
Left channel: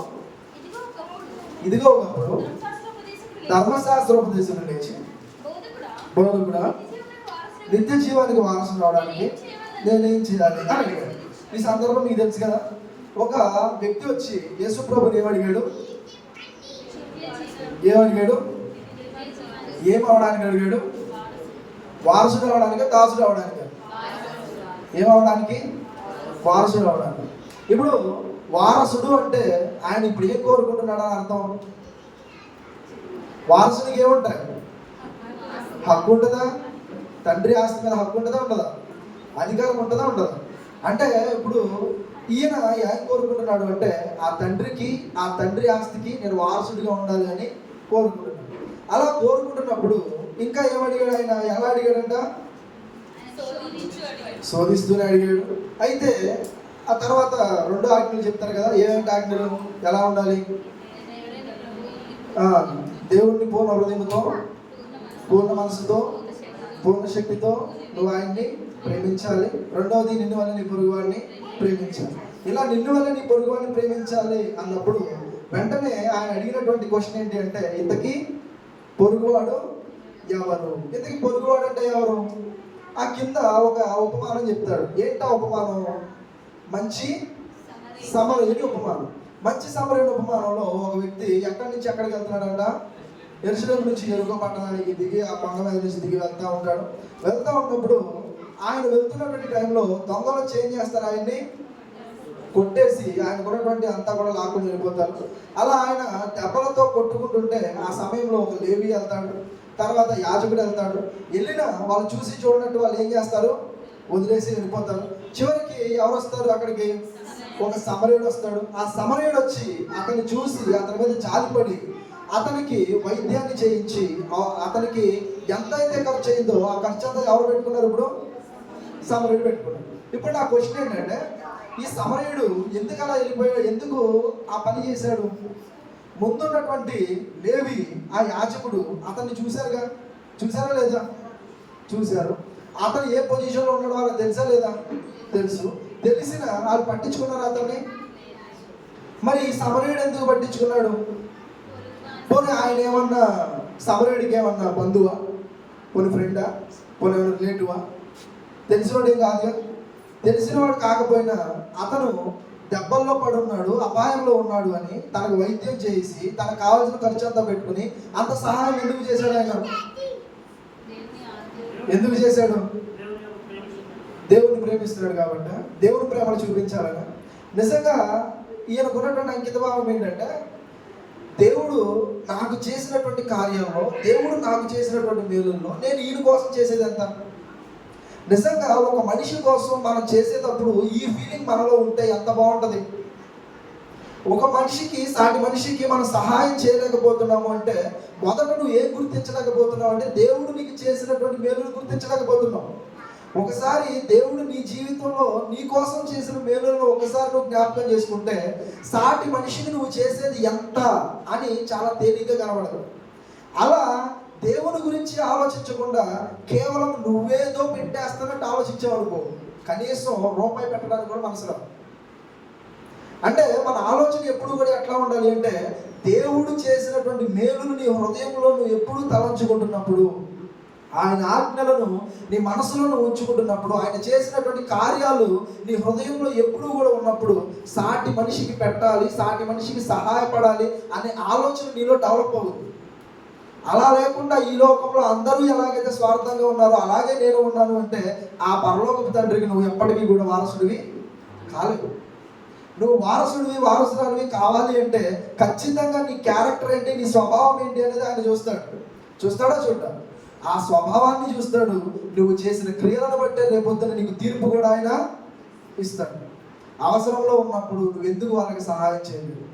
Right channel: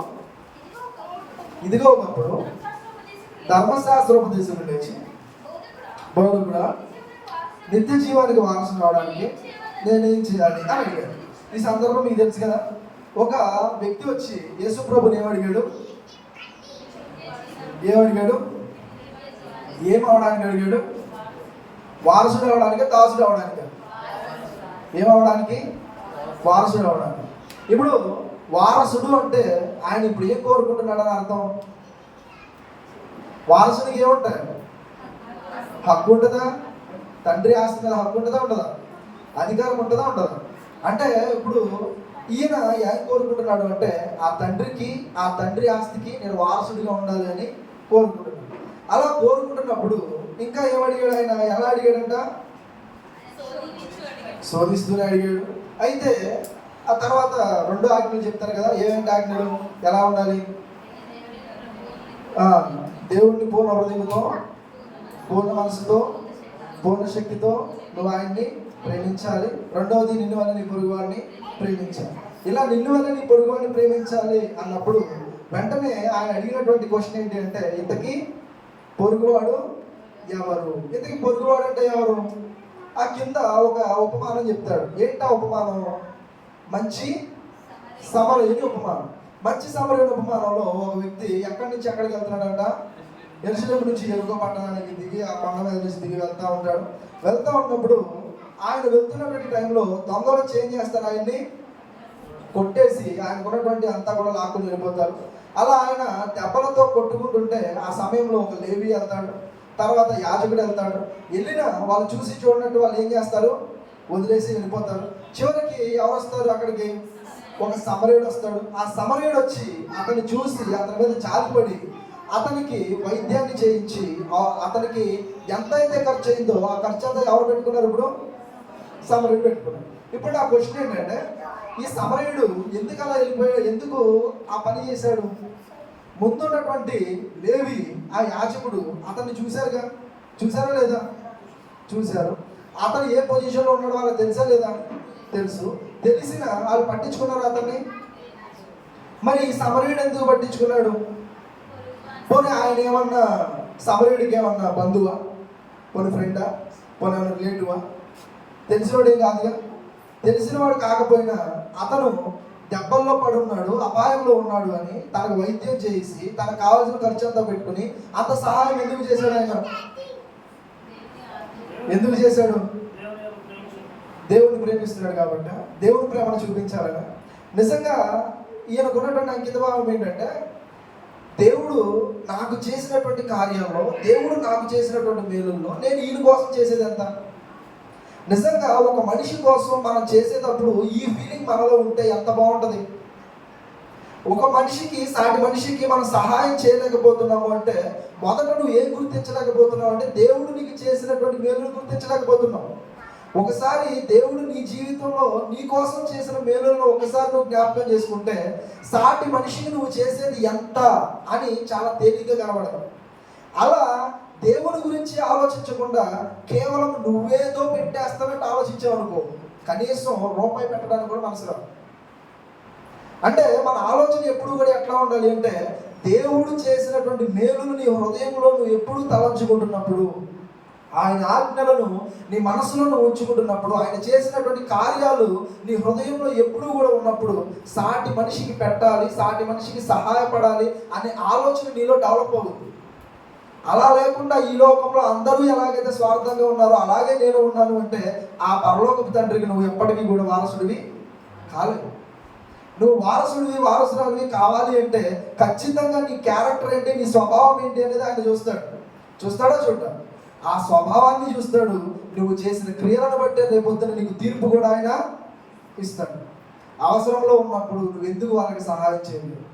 ఇదిగో ఒకప్పుడు ధర్మశాస్త్రోపదేశం లేచి, బోధకుడా నిత్య జీవానికి వారసు రావడానికి నేనేం చేయాలి అని అడిగాడు. ఈ సందర్భం మీకు తెలుసు కదా, ఒక వ్యక్తి వచ్చి యేసు ప్రభుని ఏమడిగాడు? ఏమవడానికి అడిగాడు? వారసుడు అవడానికి, దాసుడు అవడానికి? ఏమవడానికి? వారసుడు అవడానికి. ఇప్పుడు వారసుడు అంటే ఆయన ఇప్పుడు ఏం కోరుకుంటున్నాడని అర్థం? వారసుడికి ఏముంటాయి? హక్కు ఉంటుందా? తండ్రి ఆస్తి మీద హక్కు ఉంటుందా? ఉండదా? అధికారం ఉంటుందా? ఉండదా? అంటే ఇప్పుడు ఈయన ఏం కోరుకుంటున్నాడు అంటే ఆ తండ్రి ఆస్తికి నేను వారసుడిగా ఉండాలి అని కోరుకుంటున్నాడు. అలా కోరుకుంటున్నప్పుడు ఇంకా ఏమడిగాడు ఆయన? ఎలా అడిగాడంట? శోధిస్తూనే అడిగాడు. అయితే ఆ తర్వాత 2 ఆజ్ఞలు చెప్తారు కదా, ఏమేంటి ఆజ్ఞలు? ఎలా ఉండాలి? దేవుణ్ణి పూర్ణ హృదయంతో, పూర్ణ మనసుతో, పూర్ణ శక్తితో నువ్వు ఆయన్ని ప్రేమించాలి. రెండవది నిన్ను వల్ల నీ పొరుగువాడిని ప్రేమించాలి. ఇలా నిన్ను వల్ల నీ పొరుగువాడిని ప్రేమించాలి అన్నప్పుడు వెంటనే ఆయన అడిగినటువంటి క్వశ్చన్ ఏంటి అంటే, ఇంతకీ పొరుగువాడు ఎవరు? ఇంతకీ పొరుగువాడు అంటే ఎవరు? ఆ కింద ఒక ఉపమానం చెప్తాడు. ఏంటా ఉపమానం? మంచి సమరయుని ఉపమానం. మంచి సమరయుని ఉపమానంలో ఒక వ్యక్తి ఎక్కడి నుంచి ఎక్కడికి వెళ్తున్నాడంట? యెరూషలేము నుంచి యెరికో పట్టణానికి దిగి ఆ కొండ మీద నుంచి దిగి వెళ్తా ఉంటాడు. వెళ్తా ఉన్నప్పుడు ఆయన వెళ్తున్నటువంటి టైంలో దొంగలు చేంజ్ చేస్తారు, ఆయన్ని కొట్టేసి ఆయనకు ఉన్నటువంటి అంతా కూడా లాక్కుని వెళ్ళిపోతారు. అలా ఆయన దెబ్బలతో కొట్టుకుంటుంటే ఆ సమయంలో ఒక లేవీ వెళ్తాడు, తర్వాత యాజకుడు వెళ్తాడు. వెళ్ళిన వాళ్ళు చూసి చూడనట్టు వాళ్ళు ఏం చేస్తారు? వదిలేసి వెళ్ళిపోతారు. చివరికి ఎవరు వస్తారు అక్కడికి? ఒక సమరయుడు వస్తాడు. ఆ సమరయుడు వచ్చి అతన్ని చూసి అతని మీద జాలిపడి అతనికి వైద్యాన్ని చేయించి అతనికి ఎంతైతే ఖర్చు అయిందో ఆ ఖర్చు అంతా ఎవరు పెట్టుకున్నారు? ఇప్పుడు సమరయుడు పెట్టుకున్నాడు. ఇప్పుడు నా క్వశ్చన్ ఏంటంటే, ఈ సమరయుడు ఎందుకు అలా వెళ్ళిపోయాడు? ఎందుకు ఆ పని చేశాడు? ముందున్నటువంటి లేవి ఆ యాజకుడు అతన్ని చూసారా లేదా? చూశారు. అతను ఏ పొజిషన్లో ఉన్నాడో వాళ్ళకి తెలుసా లేదా? తెలుసు. తెలిసిన వాళ్ళు పట్టించుకున్నారు అతన్ని. మరి సమరయుడు ఎందుకు పట్టించుకున్నాడు? పోనీ ఆయన ఏమన్నా సమరయుడికి ఏమన్నా బంధువా, పోనీ ఫ్రెండా, పోనీ ఏమన్నా రిలేటివా? తెలిసినవాడేం కాదుగా. తెలిసినవాడు కాకపోయినా అతను దెబ్బల్లో పడున్నాడు, అపాయంలో ఉన్నాడు అని తనకు వైద్యం చేసి తనకు కావాల్సిన ఖర్చు అంతా పెట్టుకుని అంత సహాయం ఎందుకు చేశాడు ఆయన? ఎందుకు చేశాడు? దేవుడిని ప్రేమిస్తున్నాడు కాబట్టి, దేవుడి ప్రేమను చూపించాలని. నిజంగా ఈయనకున్నటువంటి అంకిత భావం ఏంటంటే, దేవుడు నాకు చేసినటువంటి కార్యాల్లో, దేవుడు నాకు చేసినటువంటి మేలుల్లో నేను ఈయన కోసం చేసేది ఎంత? నిజంగా ఒక మనిషి కోసం మనం చేసేటప్పుడు ఈ ఫీలింగ్ మనలో ఉంటే ఎంత బాగుంటుంది. ఒక మనిషికి, సాటి మనిషికి మనం సహాయం చేయలేకపోతున్నాము అంటే మొదట నువ్వు ఏం గుర్తించలేకపోతున్నావు అంటే దేవుడు నీకు చేసినటువంటి మేలును గుర్తించలేకపోతున్నావు. ఒకసారి దేవుడు నీ జీవితంలో నీ కోసం చేసిన మేలులను ఒకసారి నువ్వు జ్ఞాపకం చేసుకుంటే సాటి మనిషికి నువ్వు చేసేది ఎంత అని చాలా తేలిగ్గా కనబడదు. అలా దేవుని గురించి ఆలోచించకుండా కేవలం నువ్వేదో పెట్టేస్తానంటే ఆలోచించావు అనుకో, కనీసం రూపాయి పెట్టడానికి కూడా మనసు రాదు. అంటే మన ఆలోచన ఎప్పుడు కూడా ఎట్లా ఉండాలి అంటే, దేవుడు చేసినటువంటి మేలును నీ హృదయంలో నువ్వు ఎప్పుడు తలంచుకుంటున్నప్పుడు, ఆయన ఆజ్ఞలను నీ మనసులో ఉంచుకుంటున్నప్పుడు, ఆయన చేసినటువంటి కార్యాలు నీ హృదయంలో ఎప్పుడు కూడా ఉన్నప్పుడు సాటి మనిషికి పెట్టాలి, సాటి మనిషికి సహాయపడాలి అనే ఆలోచన నీలో డెవలప్ అవుతుంది. అలా లేకుండా ఈ లోకంలో అందరూ ఎలాగైతే స్వార్థంగా ఉన్నారో అలాగే నేను ఉన్నాను అంటే ఆ పరలోకపు తండ్రికి నువ్వు ఎప్పటికీ కూడా వారసుడివి కాలేవు. నువ్వు వారసురాలివి కావాలి అంటే ఖచ్చితంగా నీ క్యారెక్టర్ ఏంటి, నీ స్వభావం ఏంటి అనేది ఆయన చూస్తాడో చూడ్డాడు. ఆ స్వభావాన్ని చూస్తాడు. నువ్వు చేసిన క్రియలను బట్టే రేపొద్దున నీకు తీర్పు కూడా ఆయన ఇస్తాడు. అవసరంలో ఉన్నప్పుడు నువ్వు ఎందుకు వాళ్ళకి సహాయం చేయలేదు?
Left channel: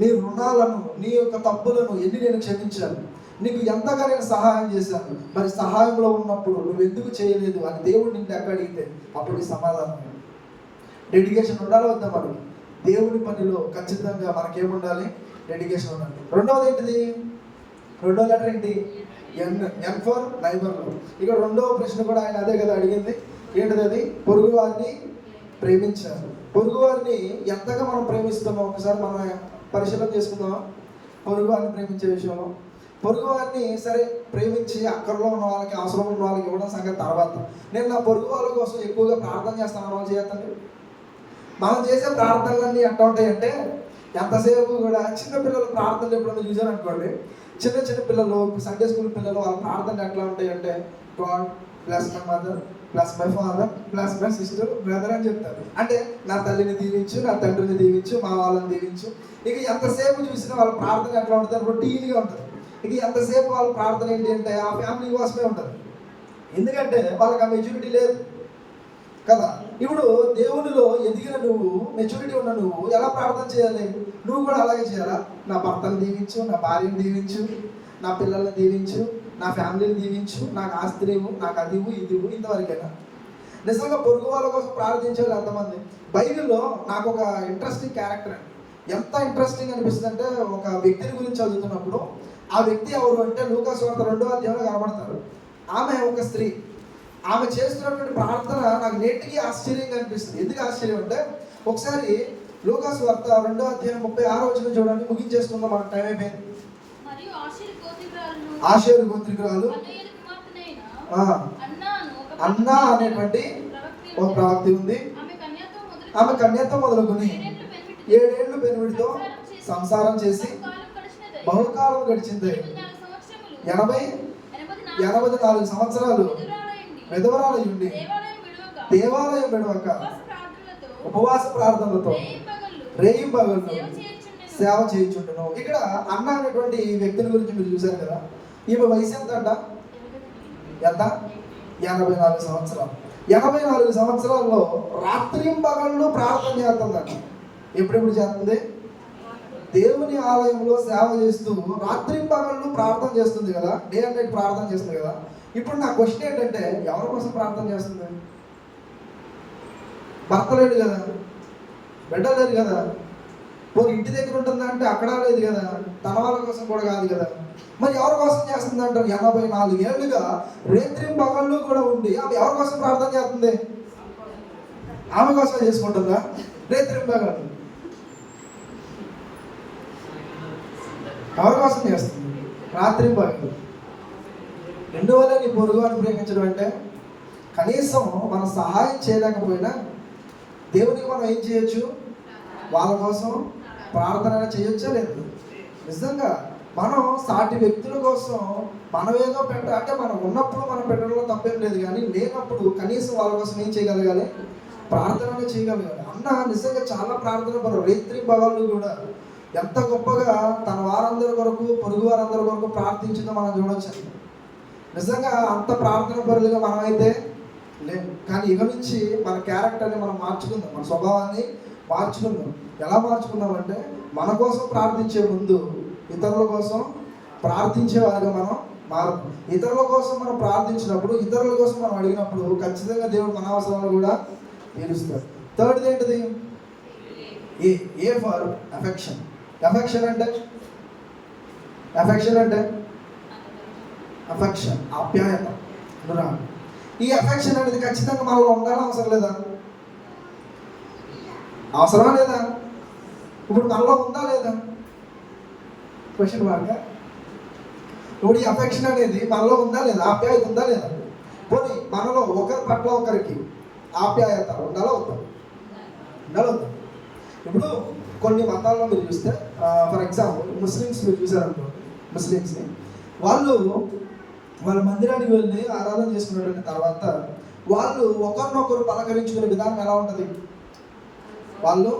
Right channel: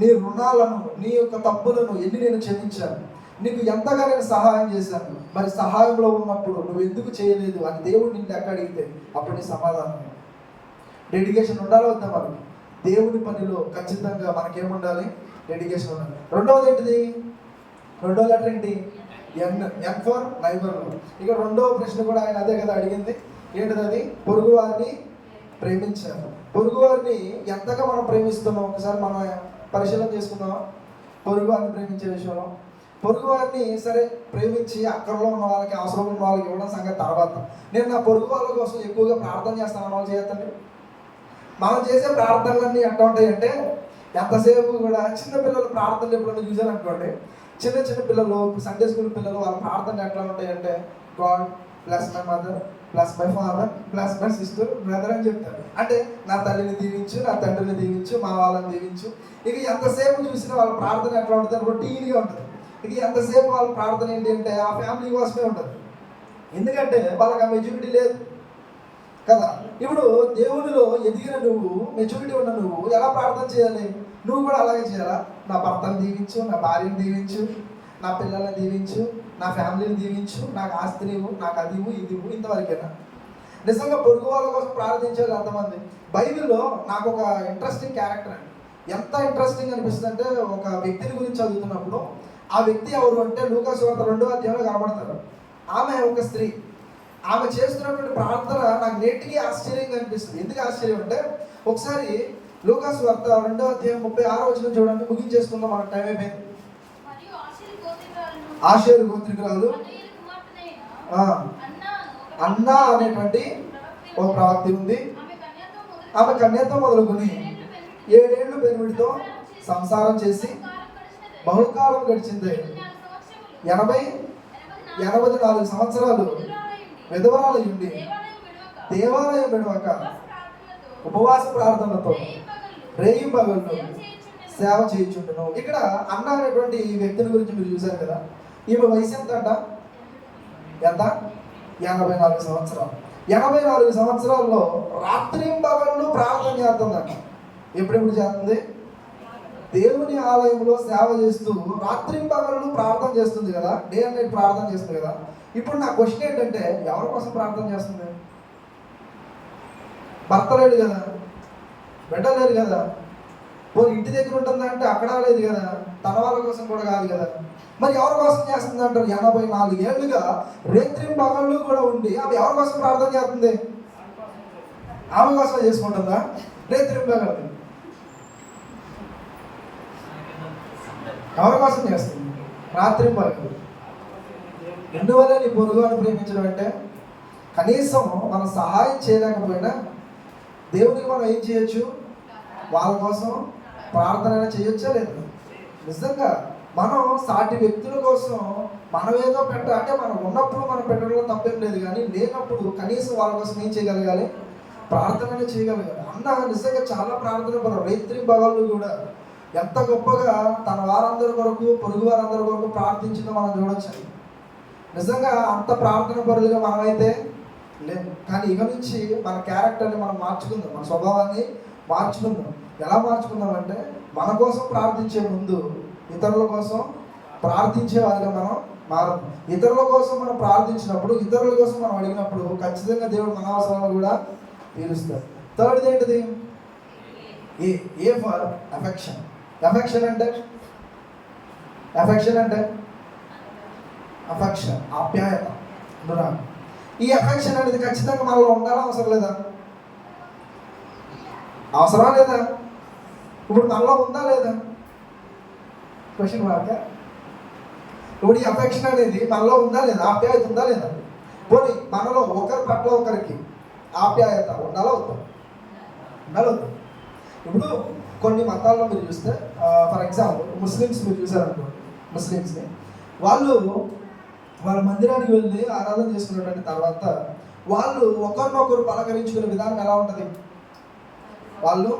నీ రుణాలను, నీ యొక్క తప్పులను ఎన్ని నేను క్షమించాను, నీకు ఎంతగా నేను సహాయం చేశాను, మరి సహాయంలో ఉన్నప్పుడు నువ్వు ఎందుకు చేయలేదు అని దేవుడు నిన్ను ఎక్కడ అడిగితే అప్పుడు నీ సమాధానం. డెడికేషన్ ఉండాలి వద్దా? మనం దేవుని పనిలో ఖచ్చితంగా మనకేముండాలి? డెడికేషన్ ఉండాలి. రెండవది ఏంటిది? రెండో లెటర్ ఏంటి? N for neighbour. ఇక్కడ రెండవ ప్రశ్న కూడా ఆయన అదే కదా అడిగింది. ఏంటిది అది? పొరుగు వారిని ప్రేమించారు. పొరుగు వారిని ఎంతగా మనం ప్రేమిస్తున్నాం ఒకసారి మనం పరిశీలన చేసుకుందాం. పొరుగు వారిని ప్రేమించే విషయంలో పొరుగు వారిని సరే ప్రేమించి అక్కడలో ఉన్న వాళ్ళకి, అవసరం ఉన్న వాళ్ళకి ఇవ్వడం సంగతి తర్వాత. నేను నా పొరుగు వాళ్ళ కోసం ఎక్కువగా ప్రార్థన చేస్తాను వాళ్ళు చేయొద్దండి. మనం చేసే ప్రార్థనలన్నీ ఎట్లా ఉంటాయంటే, ఎంతసేపు కూడా చిన్నపిల్లల ప్రార్థనలు ఎప్పుడైనా చూసాను అనుకోండి, చిన్న పిల్లలు, సండే స్కూల్ పిల్లలు వాళ్ళ ప్రార్థనలు ఎట్లా ఉంటాయంటే, God bless my mother, bless my father, bless my sister, brother అని చెప్తారు. అంటే నా తల్లిని దీవించు, నా తండ్రిని దీవించు, మా వాళ్ళని దీవించు. ఇక ఎంతసేపు చూసినా వాళ్ళ ప్రార్థన ఎట్లా ఉంటుంది? రొటీన్గా ఉంటుంది. ఇక ఎంతసేపు వాళ్ళ ప్రార్థన ఏంటి అంటే ఆ ఫ్యామిలీ కోసమే ఉంటుంది. ఎందుకంటే వాళ్ళకి ఆ మెచ్యూరిటీ లేదు కదా. ఇప్పుడు దేవునిలో ఎదిగిన నువ్వు, మెచ్యూరిటీ ఉన్న నువ్వు ఎలా ప్రార్థన చేయాలి? నువ్వు కూడా అలాగే చేయాలా? నా భర్తను దీవించు, నా భార్యను దీవించు, నా పిల్లల్ని దీవించు, నా ఫ్యామిలీని దీవించు, నాకు ఆస్తిని ఇవ్వు, నాకు అది ఇవ్వు, ఇది ఇవ్వు, ఇంతవరకేనా? నిజంగా పొరుగు వాళ్ళ కోసం ప్రార్థించే వాళ్ళు ఎంతమంది? బైబిల్లో నాకు ఒక ఇంట్రెస్టింగ్ క్యారెక్టర్ అండి. ఎంత ఇంట్రెస్టింగ్ అనిపిస్తుంది అంటే, ఒక వ్యక్తిని గురించి చదువుతున్నప్పుడు ఆ వ్యక్తి ఎవరు అంటే లూకాసు వార్త 2వ అధ్యాయంలో కనబడతారు. ఆమె ఒక స్త్రీ. ఆమె చేస్తున్నటువంటి ప్రార్థన నాకు నేటికి ఆశ్చర్యంగా అనిపిస్తుంది. ఎందుకు ఆశ్చర్యం అంటే, ఒకసారి లూకాసు వార్త 2వ అధ్యాయం 36వ వచనం చూడండి. ముగించేస్తుందో మనకు టైం అయిపోయింది. ఆషేరు గోత్రికురాలు అన్నా అనేటువంటి ఒక ప్రవక్తి ఉంది. ఆమె కన్యతో మొదలుకొని 7 ఏళ్ళు పెనిమిడితో సంసారం చేసి బహుకాలం గడిచింది. 84 సంవత్సరాలు విధవరాలు ఉండి దేవాలయం విడవక ఉపవాస ప్రార్థనలతో రేయింబగళ్ళు సేవ చేయించుండను. ఇక్కడ అన్న అనేటువంటి వ్యక్తిని గురించి మీరు చూశారు కదా. ఈమె వయసు ఎంత? 84 సంవత్సరాలు. 84 సంవత్సరాల్లో రాత్రింబగళ్ళు ప్రార్థన చేస్తుందంట. ఎప్పుడెప్పుడు చేస్తుంది? దేవుని ఆలయంలో సేవ చేస్తూ రాత్రింబగళ్ళు ప్రార్థన చేస్తుంది కదా, డే అండ్ నైట్ ప్రార్థన చేస్తుంది కదా. ఇప్పుడు నా క్వశ్చన్ ఏంటంటే, ఎవరి కోసం ప్రార్థన చేస్తుంది? భర్త లేడు కదా, బిడ్డ లేదు కదా, పోనీ ఇంటి దగ్గర ఉంటుందా అంటే అక్కడ లేదు కదా, తన వాళ్ళ కోసం కూడా కాదు కదా. మరి ఎవరి కోసం చేస్తుంది అంటారు? 84 ఏళ్ళుగా రేత్రి పగళ్ళు కూడా ఉండి ఆమె ఎవరి కోసం ప్రార్థన చేస్తుంది? ఆమె కోసం చేసుకుంటుందా? రేత్రి పగళ్ళు ఎవరి కోసం చేస్తుంది? రాత్రి పగళ్ళు. ఎందువల్ల నీ పొరుగువారిని ప్రేమించడం అంటే, కనీసం మనం సహాయం చేయలేకపోయినా దేవునికి మనం ఏం చేయొచ్చు? వాళ్ళ కోసం ప్రార్థన చేయొచ్చా లేదు? నిజంగా మనం సాటి వ్యక్తుల కోసం మనం ఏదో అంటే మనం ఉన్నప్పుడు మనం పెట్టడంలో తప్పేం లేదు, కానీ లేనప్పుడు కనీసం వాళ్ళ కోసం ఏం చేయగలగాలి? ప్రార్థన చేయగలగాలి. అన్న నిజంగా చాలా ప్రార్థన పరు. రేత్రి భగవాళ్ళు కూడా ఎంత గొప్పగా తన వారందరి వరకు, పొరుగు వారందరి వరకు ప్రార్థించడం మనం చూడొచ్చు. నిజంగా అంత ప్రార్థన పరులుగా మనమైతే లేదు. కానీ ఇక నుంచి మన క్యారెక్టర్ని మనం మార్చుకుందాం, మన స్వభావాన్ని మార్చుకుందాం. ఎలా మార్చుకుందాం అంటే, మన కోసం ప్రార్థించే ముందు ఇతరుల కోసం ప్రార్థించే వారిగా మనం మారం. ఇతరుల కోసం మనం ప్రార్థించినప్పుడు, ఇతరుల కోసం మనం అడిగినప్పుడు ఖచ్చితంగా దేవుడు మన అవసరాలు కూడా తీరుస్తాడు. థర్డ్ ఏంటిది? A for affection. అఫెక్షన్ అంటే అఫెక్షన్, ఆప్యాయత, అనురాగం. ఈ అఫెక్షన్ అనేది ఖచ్చితంగా మనలో ఉండాలని అవసరం లేదా? అవసరం లేదా? ఇప్పుడు మనలో ఉందా లేదా? Question mark. ఇప్పుడు ఈ అఫెక్షన్ అనేది మనలో ఉందా లేదా? ఆప్యాయత ఉందా లేదా? పోనీ మనలో ఒకరి పట్ల ఒకరికి ఆప్యాయత ఉండాలా వద్దా? ఇప్పుడు కొన్ని మతాల్లో మీరు చూస్తే, ఫర్ ఎగ్జాంపుల్ ముస్లిమ్స్ మీరు చూసారనుకో, ముస్లిమ్స్ని వాళ్ళ మందిరానికి వెళ్ళి ఆరాధన చేసుకున్నటువంటి తర్వాత వాళ్ళు ఒకరినొకరు పలకరించుకునే విధానం ఎలా ఉంటుంది? వాళ్ళు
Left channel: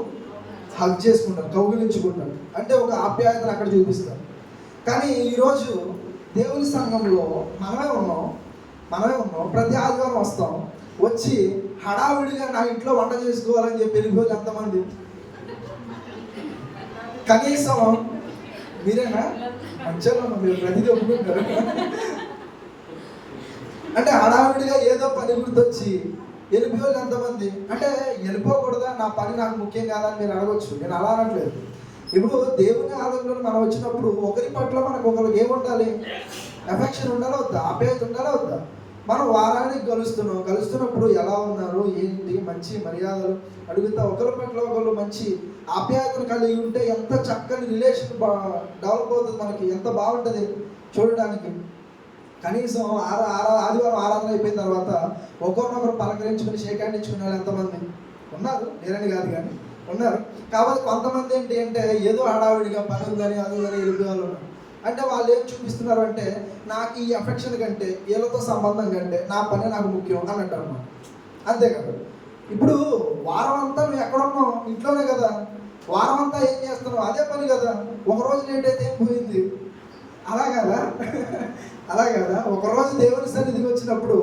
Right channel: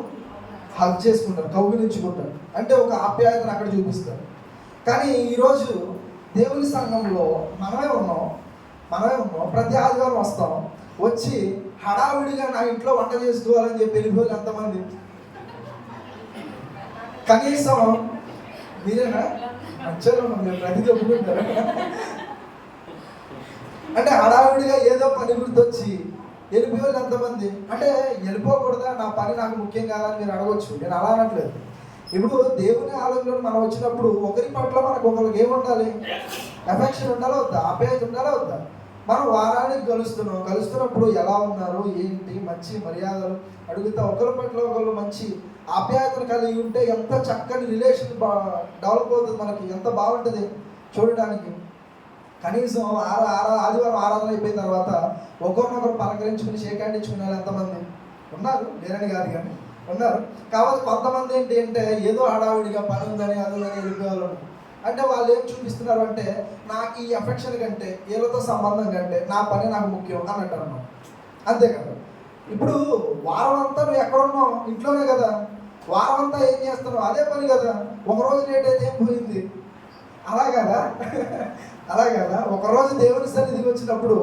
హగ్ చేసుకుంటారు, కౌగిలించుకుంటారు, అంటే ఒక ఆప్యాయతను అక్కడ చూపిస్తారు. కానీ ఈరోజు దేవుని సంఘంలో మనమే ఉన్నాం, ప్రతి ఆదివారం వస్తాం, వచ్చి హడావిడిగా నా ఇంట్లో వంట చేసుకోవాలని చెప్పి వెళ్ళిపోయి ఎంతమంది? కనీసం మీరేనా? మీరు ప్రతిదీ ఒప్పుకుంటారు. అంటే హడావిడిగా ఏదో పని గుర్తొచ్చి వెళ్ళిపోయి ఎంతమంది? అంటే వెళ్ళిపోకూడదా? నా పని నాకు ముఖ్యం కాదని మీరు అడగొచ్చు. నేను అలా అనట్లేదు. ఇప్పుడు దేవుని ఆలయంలో మనం వచ్చినప్పుడు ఒకరి పట్ల మనకు ఒకరికి ఏముండాలి? అఫెక్షన్ ఉండాలా వద్దా? ఆప్యాయత ఉండాలా వద్దా? మనం వారానికి కలుస్తున్నప్పుడు ఎలా ఉన్నారు, ఏంటి, మంచి మర్యాదలు అడుగుతా ఒకరి పట్ల ఒకరు మంచి ఆప్యాయతను కలిగి ఉంటే ఎంత చక్కని రిలేషన్ డెవలప్ అవుతుంది, మనకి ఎంత బాగుంటుంది చూడడానికి. కనీసం ఆదివారం ఆరాధన అయిపోయిన తర్వాత ఒకరినొకరు పలకరించుకుని షేక్ హ్యాండ్ ఇచ్చుకునే వాళ్ళు ఎంతమంది ఉన్నారు? లేరని కాదు, కానీ ఉన్నారు. కాబట్టి కొంతమంది ఏంటి అంటే ఏదో హడావిడిగా పని ఉందని అదుందని వెళ్ళిపోయే వాళ్ళు ఉన్నారు. అంటే వాళ్ళు ఏం చూపిస్తున్నారు అంటే, నాకు ఈ అఫెక్షన్ కంటే, వీళ్ళతో సంబంధం కంటే నా పని నాకు ముఖ్యం అని అంటారు అన్నమాట. అంతే కదా. ఇప్పుడు వారం అంతా నువ్వు ఎక్కడ ఉన్నావు? ఇంట్లోనే కదా. వారం అంతా ఏం చేస్తున్నావు? అదే పని కదా. ఒకరోజు లేట్ అయితే ఏం పోయింది? అలా కదా. ఒకరోజు దేవుని సన్నిధికి వచ్చినప్పుడు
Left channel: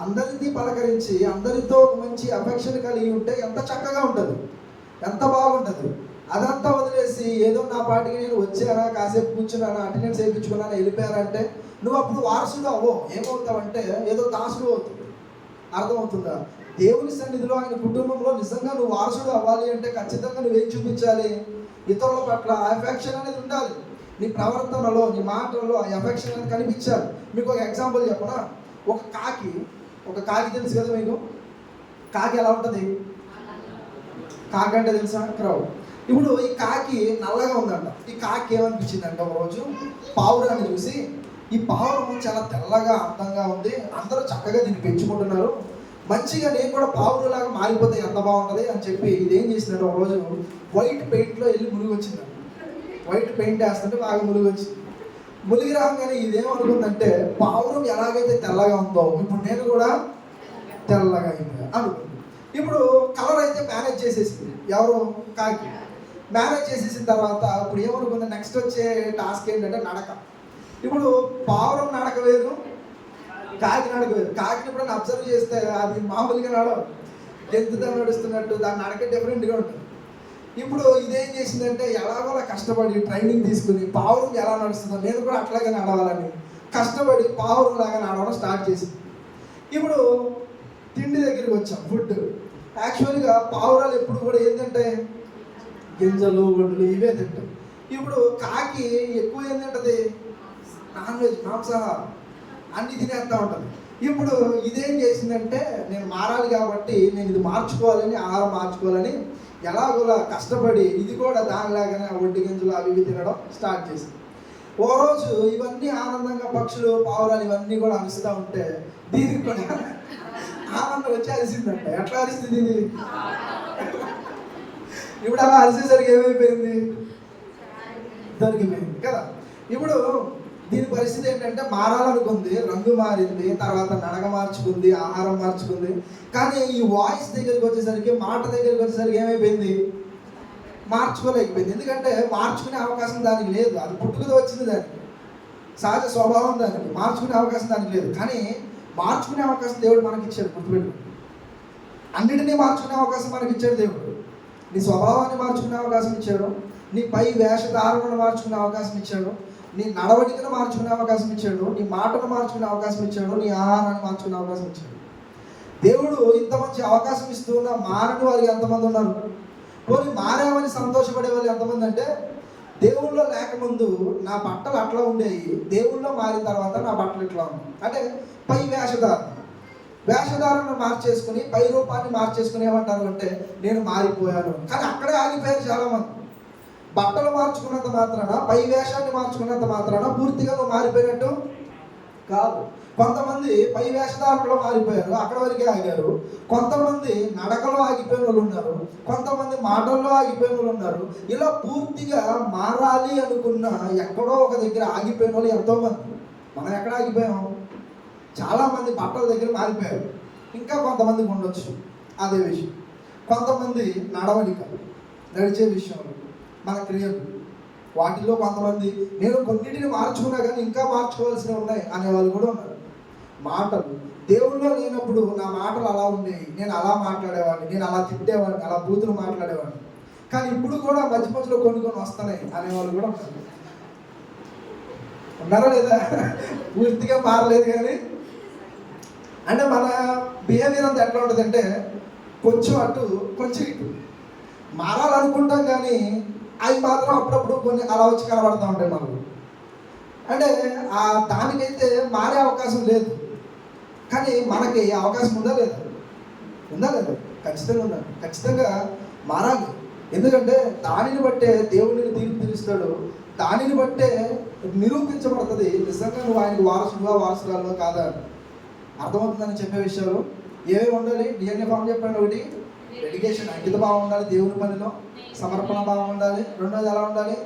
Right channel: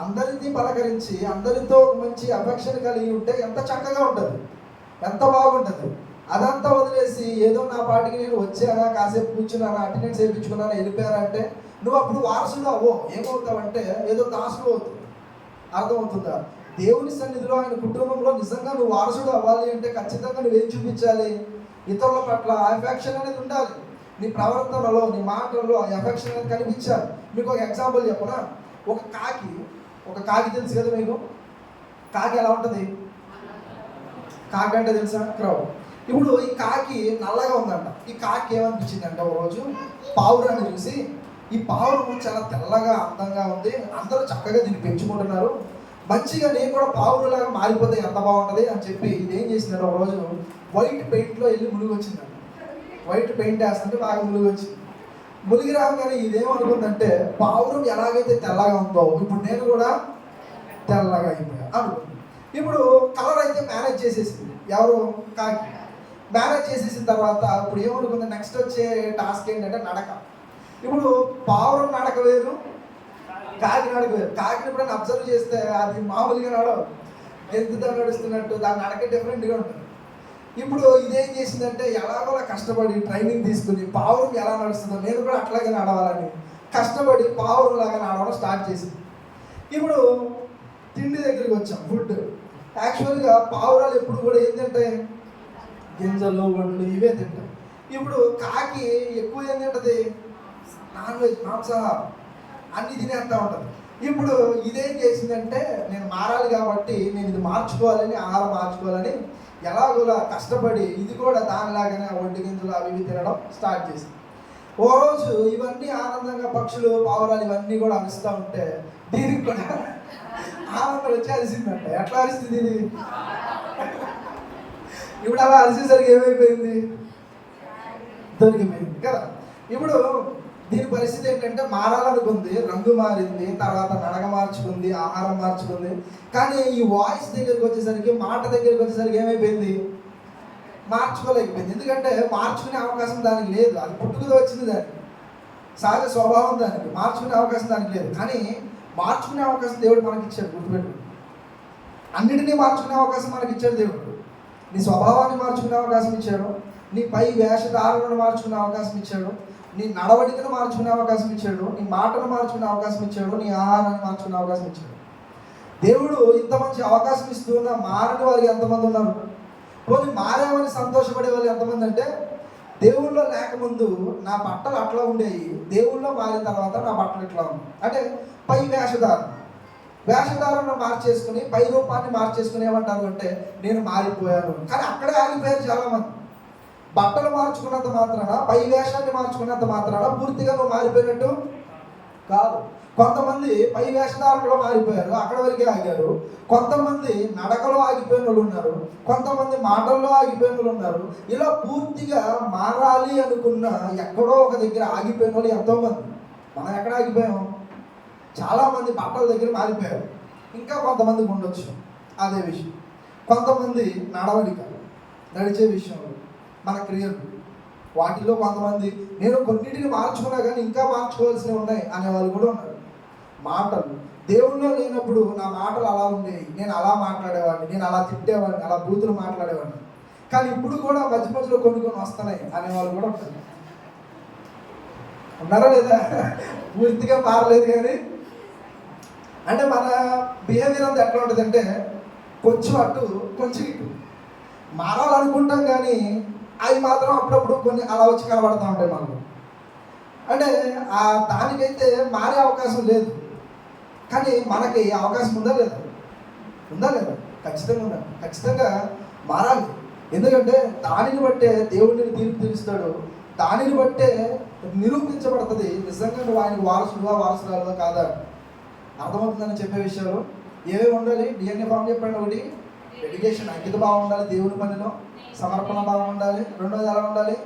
అందరినీ పలకరించి అందరితో మంచి అఫెక్షన్ కలిగి ఉంటే ఎంత చక్కగా ఉంటుంది, ఎంత బాగుంటుంది. అదంతా వదిలేసి ఏదో నా పాటికి నేను వచ్చానా, కాసేపు కూర్చున్నానా, అటెండెన్స్ వేయించుకున్నానా, వెళ్ళిపోయారంటే నువ్వు అప్పుడు వారసుడు అవ్వో. ఏమవుతావంటే ఏదో దాసుడు అవుతుంది. అర్థమవుతుందా? దేవుని సన్నిధిలో, ఆయన కుటుంబంలో నిజంగా నువ్వు వారసుడు అవ్వాలి అంటే ఖచ్చితంగా నువ్వేం చూపించాలి? ఇతరుల పట్ల అఫెక్షన్ అనేది ఉండాలి. నీ ప్రవర్తనలో, నీ మాటల్లో ఆ ఎఫెక్షన్ అనేది కనిపించాలి. మీకు ఒక ఎగ్జాంపుల్ చెప్పనా? ఒక కాకి తెలుసు కదా మీకు? కాకి ఎలా ఉంటుంది? కాకి అంటే తెలుసా? క్రౌడ్. ఇప్పుడు ఈ కాకి నల్లగా ఉందంట. ఈ కాకి ఏమనిపించిందంటే ఒక రోజు పావురాన్ని చూసి, ఈ పావురం చాలా తెల్లగా అందంగా ఉంది, అందరూ చక్కగా దీన్ని పెంచుకుంటున్నారు, మంచిగా నేను కూడా పావురంలాగా మారిపోతే ఎంత బాగుంటుంది అని చెప్పి ఇదేం చేసిందంటే ఒక రోజు వైట్ పెయింట్లో వెళ్ళి మునిగి వచ్చిందండి. వైట్ పెయింట్ వేస్తుంటే బాగా మునిగి రాగానే ఇదేమనుకుందంటే, పావురం ఎలాగైతే తెల్లగా ఉందో ఇప్పుడు నేను కూడా తెల్లగా అయిపోయా అనుకుంది. ఇప్పుడు కలర్ అయితే మేనేజ్ చేసేసింది. ఎవరు? కాకి. మేనేజ్ చేసేసిన తర్వాత ఇప్పుడు ఏమనుకుంది? నెక్స్ట్ వచ్చే టాస్క్ ఏంటంటే నడక. ఇప్పుడు పావురం నడక వేరు, కాకి నడక వేరు. కాకిని ఎప్పుడైనా అబ్జర్వ్ చేస్తే అది మామూలుగా గెంతుతో నడుస్తున్నట్టు దాని నడక డిఫరెంట్గా ఉంటుంది. ఇప్పుడు ఇదేం చేసిందంటే, ఎలాగోలా కష్టపడి ట్రైనింగ్ తీసుకుని పావురం ఎలా నడుస్తుందో నేను కూడా అట్లాగే నడవాలని కష్టపడి పావురం లాగా నడవడం స్టార్ట్ చేసింది. ఇప్పుడు తిండి దగ్గరికి వచ్చాం, ఫుడ్. యాక్చువల్గా పావురాలు ఎప్పుడు కూడా ఏం తింటాయి? గింజలు, ఒడ్లు ఇవే తింటాయి. ఇప్పుడు కాకి ఎక్కువ ఏం తింటది? నాన్ వెజ్, మాంసాహారం అన్ని తినేస్తూ ఉంటుంది. ఇప్పుడు ఇదేం చేసిందంటే, నేను మారాలి కాబట్టి నేను ఇది మార్చుకోవాలని, ఆహారం మార్చుకోవాలని ఎలాగోలా కష్టపడి ఇది కూడా దానిలాగానే ఒడ్డు గింజలు అవి ఇవి తినడం స్టార్ట్ చేసింది. ఓ రోజు ఇవన్నీ ఆనందంగా పక్షులు, పావురాలు ఇవన్నీ కూడా అరుస్తూ ఉంటే దీనికి కూడా ఆనందం వచ్చి అరిసిందంట. ఎట్లా అరిస్తుంది ఇది? ఇప్పుడు అలా అరిసేసరికి ఏమైపోయింది? దొరికిపోయింది కదా. ఇప్పుడు దీని పరిస్థితి ఏంటంటే, మారాలనుకుంది, రంగు మారింది, తర్వాత నడక మార్చుకుంది, ఆహారం మార్చుకుంది. కానీ ఈ వాయిస్ దగ్గరికి వచ్చేసరికి, మాట దగ్గరికి వచ్చేసరికి ఏమైపోయింది? మార్చుకోలేకపోయింది. ఎందుకంటే మార్చుకునే అవకాశం దానికి లేదు. అది పుట్టుకతో వచ్చింది, దానికి సహజ స్వభావం, దానికి మార్చుకునే అవకాశం దానికి లేదు. కానీ మార్చుకునే అవకాశం దేవుడు మనకి ఇచ్చాడు. గుర్తుపెట్టు, అన్నిటినీ మార్చుకునే అవకాశం మనకి ఇచ్చాడు దేవుడు. నీ స్వభావాన్ని మార్చుకునే అవకాశం ఇచ్చాడు, నీ పై వేషధారణను మార్చుకునే అవకాశం ఇచ్చాడు, నీ నడవడికను మార్చుకునే అవకాశం ఇచ్చాడు, నీ మాటను మార్చుకునే అవకాశం ఇచ్చాడు, నీ ఆహారాన్ని మార్చుకునే అవకాశం ఇచ్చాడు. దేవుడు ఇంత మంచి అవకాశం ఇస్తూ ఉన్న మారని వారు ఎంతమంది ఉన్నారు? పోనీ మారేవని సంతోషపడే వాళ్ళు ఎంతమంది అంటే, దేవుళ్ళో లేకముందు నా బట్టలు అట్లా ఉండేవి, దేవుళ్ళో మారిన తర్వాత నా బట్టలు ఇట్లా ఉన్నాయి. అంటే పై వేషధారణ మార్చేసుకుని, పై రూపాన్ని మార్చేసుకుని ఏమంటారు అంటే నేను మారిపోయాను. కానీ అక్కడే ఆగిపోయారు చాలామంది. బట్టలు మార్చుకున్నంత మాత్రాన, పై వేషాన్ని మార్చుకున్నంత మాత్రాన పూర్తిగా నువ్వు మారిపోయినట్టు కాదు. కొంతమంది పై వేషధారణలో మారిపోయారు, అక్కడి వరకే ఆగారు. కొంతమంది నడకలో ఆగిపోయిన వాళ్ళు ఉన్నారు, కొంతమంది మాటల్లో ఆగిపోయిన వాళ్ళు ఉన్నారు. ఇలా పూర్తిగా మారాలి అనుకున్న ఎక్కడో ఒక దగ్గర ఆగిపోయిన వాళ్ళు ఎంతోమంది. మనం ఎక్కడ ఆగిపోయాం? చాలామంది బట్టల దగ్గర మారిపోయారు. ఇంకా కొంతమందికి ఉండొచ్చు అదే విషయం. కొంతమంది నడవడిక, నడిచే విషయం, మన క్రియలు, వాటిలో కొంతమంది నేను కొన్నిటిని మార్చుకున్నా కానీ ఇంకా మార్చుకోవాల్సినవి ఉన్నాయి అనేవాళ్ళు కూడా ఉన్నారు. మాటలు, దేవుళ్ళో లేనప్పుడు నా మాటలు అలా ఉండేవి, నేను అలా మాట్లాడేవాడిని, నేను అలా తిట్టేవాడిని, అలా బూతులు మాట్లాడేవాడిని. కానీ ఇప్పుడు కూడా మధ్య మధ్యలో కొన్ని వస్తున్నాయి అనేవాళ్ళు కూడా ఉన్నారు. ఉన్నారా లేదా? పూర్తిగా మారలేదు కానీ, అంటే మన బిహేవియర్ అంతా ఎట్లా ఉంటుంది అంటే, కొంచెం అటు కొంచెం ఇటు మారాలనుకుంటాం కానీ అవి మాత్రం అప్పుడప్పుడు కొన్ని అలా వచ్చి కనబడుతూ ఉంటాయి మనకు. అంటే దానికైతే మారే అవకాశం లేదు, కానీ మనకి అవకాశం ఉందా లేదా? ఉందా లేదా? ఖచ్చితంగా ఉందా? ఖచ్చితంగా మారాలి. ఎందుకంటే దానిని బట్టే దేవుడిని తీర్పు తీరుస్తాడు, దానిని బట్టే నిరూపించబడుతుంది నిజంగా నువ్వు ఆయనకు వారసుడుగా వారసురాలుగా కాదా. అర్థమవుతుందని చెప్పే విషయాలు ఏమేమి ఉండాలి? DNA ఫామ్ చెప్పాడు. ఒకటి డెడికేషన్, అంకిత భావం ఉండాలి దేవుని పనిలో, సమర్పణ భావం ఉండాలి. రెండోది ఎలా ఉండాలి?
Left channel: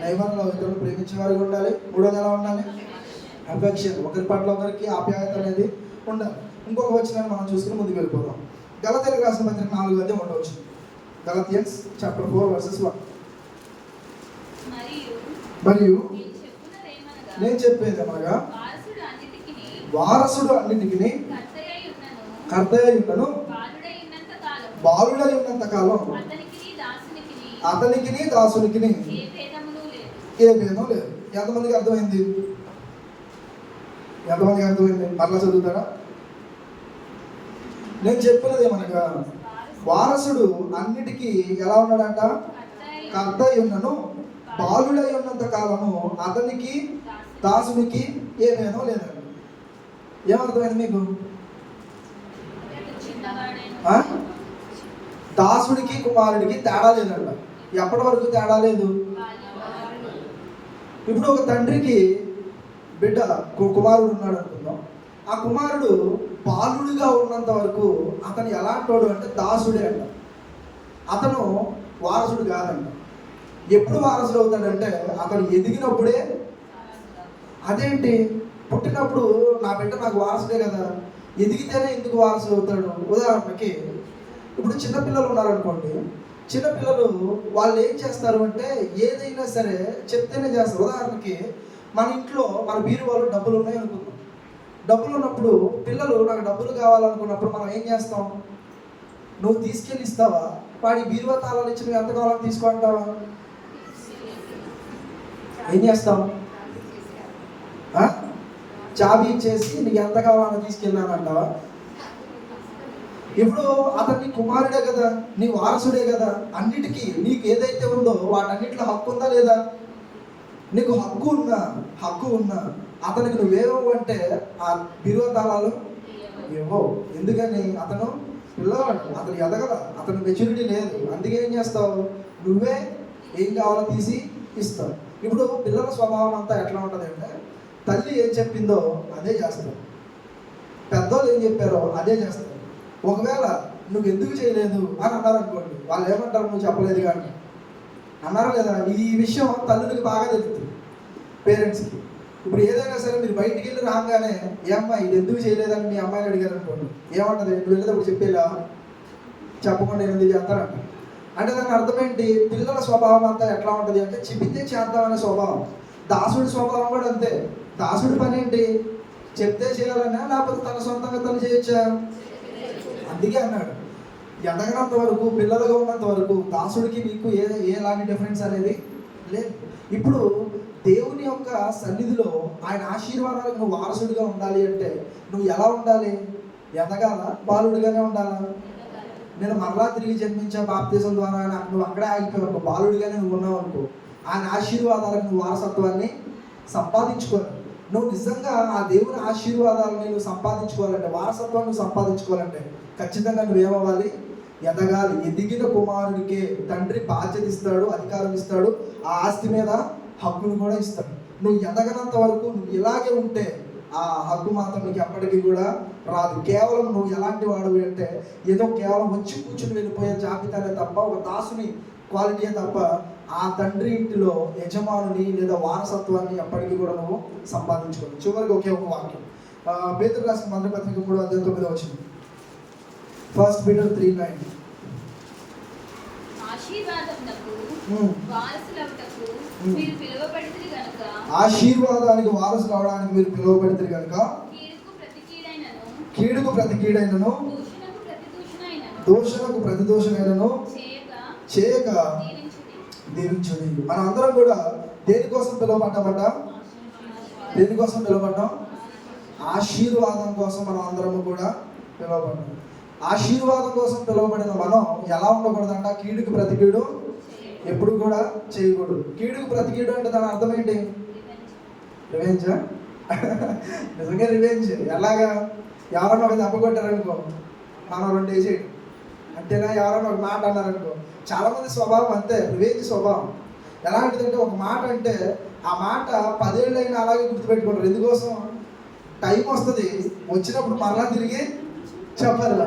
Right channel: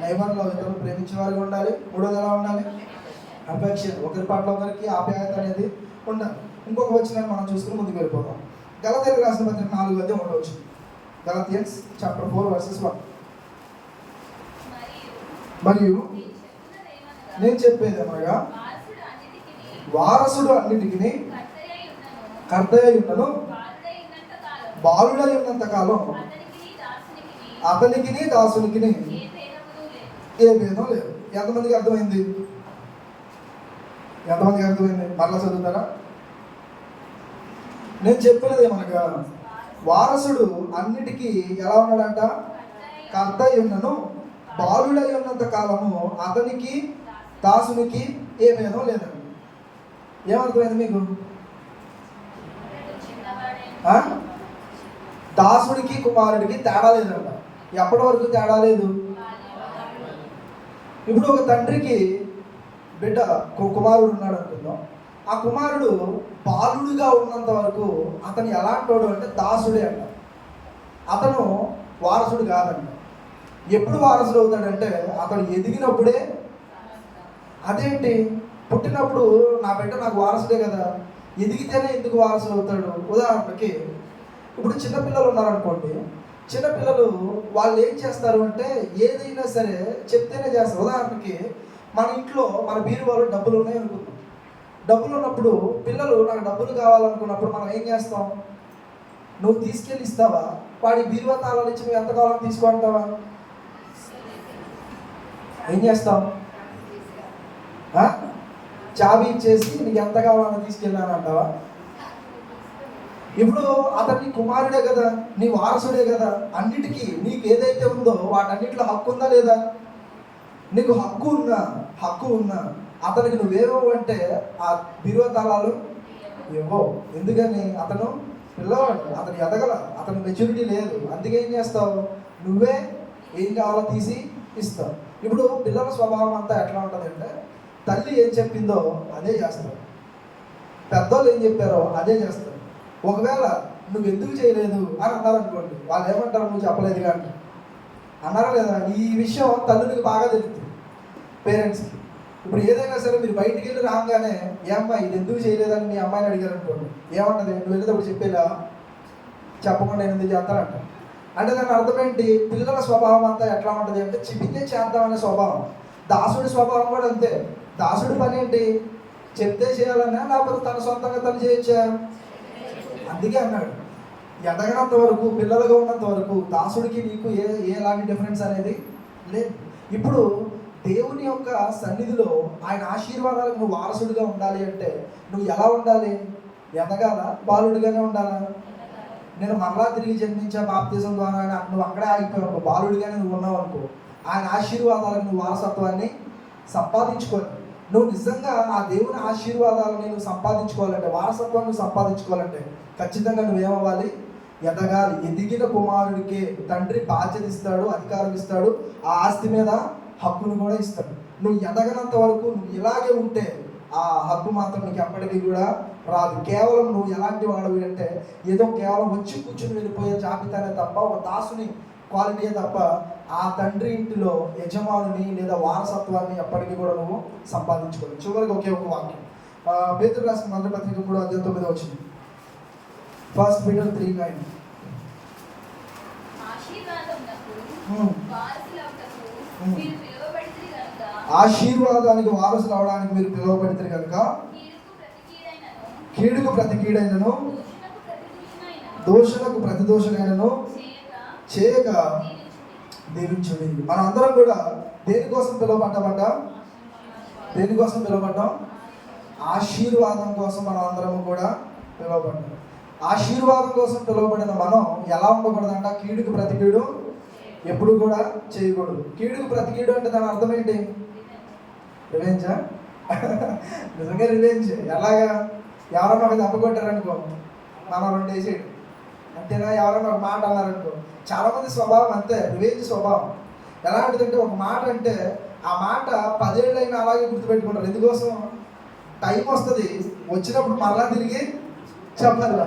నైబంధంలో ఇతరులను ప్రేమించేవారిగా ఉండాలి. మూడోది ఎలా ఉండాలి? అఫెక్షన్, ఒకరి పట్ల ఒకరికి ఆప్యాయత అనేది ఉండాలి. ఇంకొక వచ్చిన మనం చూసుకుని ముందుకు వెళ్ళిపోతాం. గలతీయులకు రాసిన పత్రిక 4:1 గలతియన్స్ చాప్టర్ 4 verses 1. మరియు నేను చెప్పేది అనగా, వారసుడు అన్నిటికీ కర్తయ్య ఉన్నను, బాలుడై ఉన్నంత కాలం అతనికి దాసునికి ఏ భేదం లేదు. ఎంతమందికి అర్థమైంది? ఎంతమందికి అర్థమైంది? మళ్ళా చదువుతారా? నేను చెప్పినది ఏమనగా, వారసుడు అన్నిటికీ ఎలా ఉన్నాడంట? కర్తయ్య ఉన్నను, బాలుడై ఉన్నంత కాలము అతనికి దాసునికి ఏ భేదం లేదండి. ఏమర్థమైంది మీకు? దాసుడికి కుమారుడికి తేడా లేదంట. ఎప్పటి వరకు తేడా లేదు? ఇప్పుడు ఒక తండ్రికి బిడ్డ కుమారుడు ఉన్నాడు అనుకుందాం. ఆ కుమారుడు బాలుడిగా ఉన్నంత వరకు అతను ఎలాంటోడు అంటే దాసుడే అంట. అతను వారసుడు కాదంట. ఎప్పుడు వారసుడు అవుతాడంటే అతను ఎదిగినప్పుడే. అదేంటి? పుట్టినప్పుడు నా బిడ్డ నాకు వారసుడే కదా, ఎదిగితేనే ఎందుకు వారసుడు అవుతాడు? ఉదాహరణకి ఇప్పుడు చిన్నపిల్లలు ఉన్నారనుకోండి, చిన్నపిల్లలు వాళ్ళు ఏం చేస్తారు అంటే ఏదైనా సరే చెప్తేనే చేస్తారు. ఉదాహరణకి మన ఇంట్లో మన బీరువాలో డబ్బులు ఉన్నాయి అనుకుంది. డబ్బులు ఉన్నప్పుడు పిల్లలు నాకు డబ్బులు కావాలనుకున్నప్పుడు మనం ఏం చేస్తాం? నువ్వు తీసుకెళ్ళి ఇస్తావా? వాడి బీరువా తాళాలు ఇచ్చి నువ్వు ఎంత కావాలని తీసుకుంటావా? ఏం చేస్తాం? చాబీ ఇచ్చేసి నీకు ఎంత కావాలన్నా తీసుకెళ్ళాను అంటావా? ఇప్పుడు అతన్ని కుమారుడే కదా, నీ వారసుడే కదా, అన్నిటికీ నీకు ఏదైతే ఉందో వాటన్నిటిలో హక్కు ఉందా లేదా? నీకు హక్కు ఉన్నా అతనికి నువ్వేమో అంటే ఆ బిరువ తాళాలు ఇవ్వవు. ఎందుకని? అతను పిల్లవాడు, అతను ఎదగల, అతను మెచ్యూరిటీ లేదు. అందుకే ఏం చేస్తావు? నువ్వే ఏం కావాలో తీసి ఇస్తావు. ఇప్పుడు పిల్లల స్వభావం అంతా ఎట్లా ఉంటుంది అంటే, తల్లి ఏం చెప్పిందో అదే చేస్తావు, పెద్దోళ్ళు ఏం చెప్పారో అదే చేస్తారు. ఒకవేళ నువ్వు ఎందుకు చేయలేదు అని అన్నారు అనుకోండి, వాళ్ళు ఏమంటారు? నువ్వు చెప్పలేదు కానీ అన్నారు లేదా? ఈ విషయం తల్లునికి బాగా తెలుస్తుంది, పేరెంట్స్కి. ఇప్పుడు ఏదైనా సరే మీరు బయటికి వెళ్ళి రాగానే ఏ అమ్మాయి ఇది ఎందుకు చేయలేదని మీ అమ్మాయిని అడిగారు అనుకోండి, ఏమంటది? నువ్వు వెళ్ళేటప్పుడు చెప్పేలా చెప్పకుండా ఎందుకు చేస్తారంట. అంటే దాని అర్థం ఏంటి? పిల్లల స్వభావం అంతా ఎట్లా ఉంటుంది అంటే చెబితే చేద్దామనే స్వభావం. దాసుడి స్వభావం కూడా అంతే. దాసుడి పని ఏంటి? చెప్తే చేయాలన్నా, లేకపోతే తన సొంతంగా తను చేయొచ్చా? అందుకే అన్నాడు, ఎదగనంత వరకు, పిల్లలుగా ఉన్నంత వరకు దాసుడికి నీకు ఎలాంటి డిఫరెన్స్ అనేది లేదు. ఇప్పుడు దేవుని యొక్క సన్నిధిలో ఆయన ఆశీర్వాదాలకు నువ్వు వారసుడిగా ఉండాలి అంటే నువ్వు ఎలా ఉండాలి? ఎదగాల, బాలుడిగానే ఉండాలా? నేను మరలా తిరిగి జన్మించా బాప్తిజం ద్వారా నువ్వు అక్కడే ఆగిపోయావు, బాలుడిగానే నువ్వు ఉన్నావు అనుకో, ఆయన ఆశీర్వాదాలకు నువ్వు వారసత్వాన్ని సంపాదించుకోవాలి. నువ్వు నిజంగా ఆ దేవుని ఆశీర్వాదాలను నువ్వు సంపాదించుకోవాలంటే, వారసత్వాన్ని సంపాదించుకోవాలంటే ఖచ్చితంగా నువ్వేమవ్వాలి? ఎదగాలి. ఎదిగిన కుమారుడికే తండ్రి బాధ్యత ఇస్తాడు, అధికారం ఇస్తాడు, ఆ ఆస్తి మీద హక్కును కూడా ఇస్తాడు. నువ్వు ఎదగనంత వరకు నువ్వు ఇలాగే ఉంటే ఆ హక్కు మాత్రం నీకు ఎప్పటికీ కూడా రాదు. కేవలం నువ్వు ఎలాంటి వాడు అంటే ఏదో కేవలం వచ్చి కూర్చుని వెళ్ళిపోయే జాబితానే తప్ప, ఒక దాసుని క్వాలిటీయే తప్ప ఆ తండ్రి ఇంటిలో యజమానుని లేదా వారసత్వాన్ని ఎప్పటికీ కూడా నువ్వు సంపాదించుకోవాలి. చివరికి ఒకే ఒక వాక్యం, పేతురు రాసిన మొదటి పత్రిక 3:9 వచ్చింది. 1 Peter 3:9. ఆశీర్వాదానికి వారసులు అవడానికి మీరు పిలువబడితే కనుక కీడుకు ప్రతి కీడైనను దూషణకు ప్రతి దూషణైనను చేయక దీవించుడి. మన అందరం కూడా దేనికోసం పిలువబడ్డామంట? దేనికోసం పిలువబడ్డాం? ఆశీర్వాదం కోసం మనం అందరము కూడా పిలువబడ్డాం. ఆశీర్వాదం కోసం పిలువబడిన మనం ఎలా ఉండకూడదంట? కీడుకు ప్రతి కీడు ఎప్పుడు కూడా చేయకూడదు. కీడుకు ప్రతి కీడు అంటే దాని అర్థం ఏంటి? రివెంజా? నిజంగా రివెంజ్. ఎలాగా? ఎవరైనా ఒక దెబ్బ కొట్టారనుకో, మనం 2 వేసేయడం అంతేనా? ఎవరైనా ఒక మాట అన్నారనుకో, చాలామంది స్వభావం అంతే, రివెంజ్ స్వభావం. ఎలాంటిదంటే ఒక మాట అంటే ఆ మాట 10 ఏళ్ళైనా అలాగే గుర్తుపెట్టుకుంటారు. ఎందుకోసం? టైం వస్తుంది, వచ్చినప్పుడు మరలా తిరిగి చెప్పాలి.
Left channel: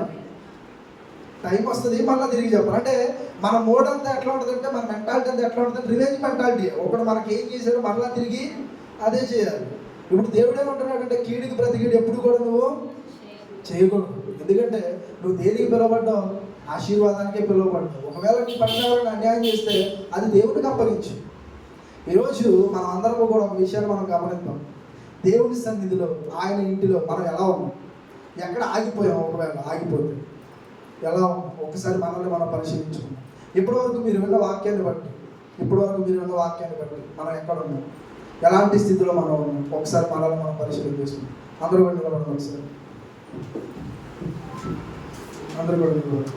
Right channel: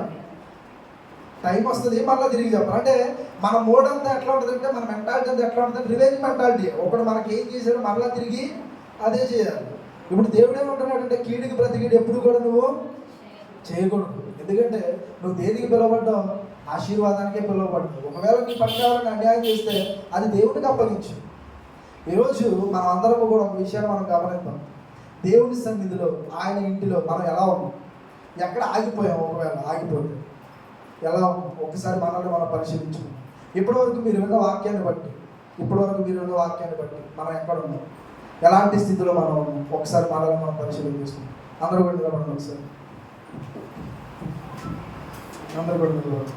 టైం వస్తుంది, మళ్ళీ తిరిగి చెప్పాలి. అంటే మన మోడ్ అంతా ఎట్లా ఉంటుందంటే, మన మెంటాలిటీ అంతా ఎట్లా ఉంటుంది? Revenge mentality. ఒకటి మనకి ఏం చేశాడో మరలా తిరిగి అదే చేయాలి. ఇప్పుడు దేవుడు ఏమంటున్నాడంటే కీడుకి ప్రతి కీడు ఎప్పుడు కూడా నువ్వు చేయకూడదు. ఎందుకంటే నువ్వు దేనికి పిలువబడ్డావు? ఆశీర్వాదానికే పిలువబడ్డావు. ఒకవేళ నీ ప్రకారం అన్యాయం చేస్తే అది దేవుడికి అప్పగించు. ఈరోజు మనం అందరం కూడా ఒక విషయాన్ని మనం గమనిద్దాం. దేవుని సన్నిధిలో, ఆయన ఇంటిలో మనం ఎలా ఉన్నాం? ఎక్కడ ఆగిపోయాము? ఒకవేళ ఆగిపోతే ఎలా? ఒకసారి మనల్ని మనం పరిశీలించు. ఇప్పటివరకు మీరు విన్న వాక్యాన్ని బట్టి మనం ఎక్కడ ఉన్నాం? ఎలాంటి స్థితిలో మనం ఉన్నాం? ఒకసారి మనల్ని మనం పరిశీలించుకుందాం. అందరూ కూడా నిలబడండి ఒకసారి. అందరూ కూడా నిలబడండి.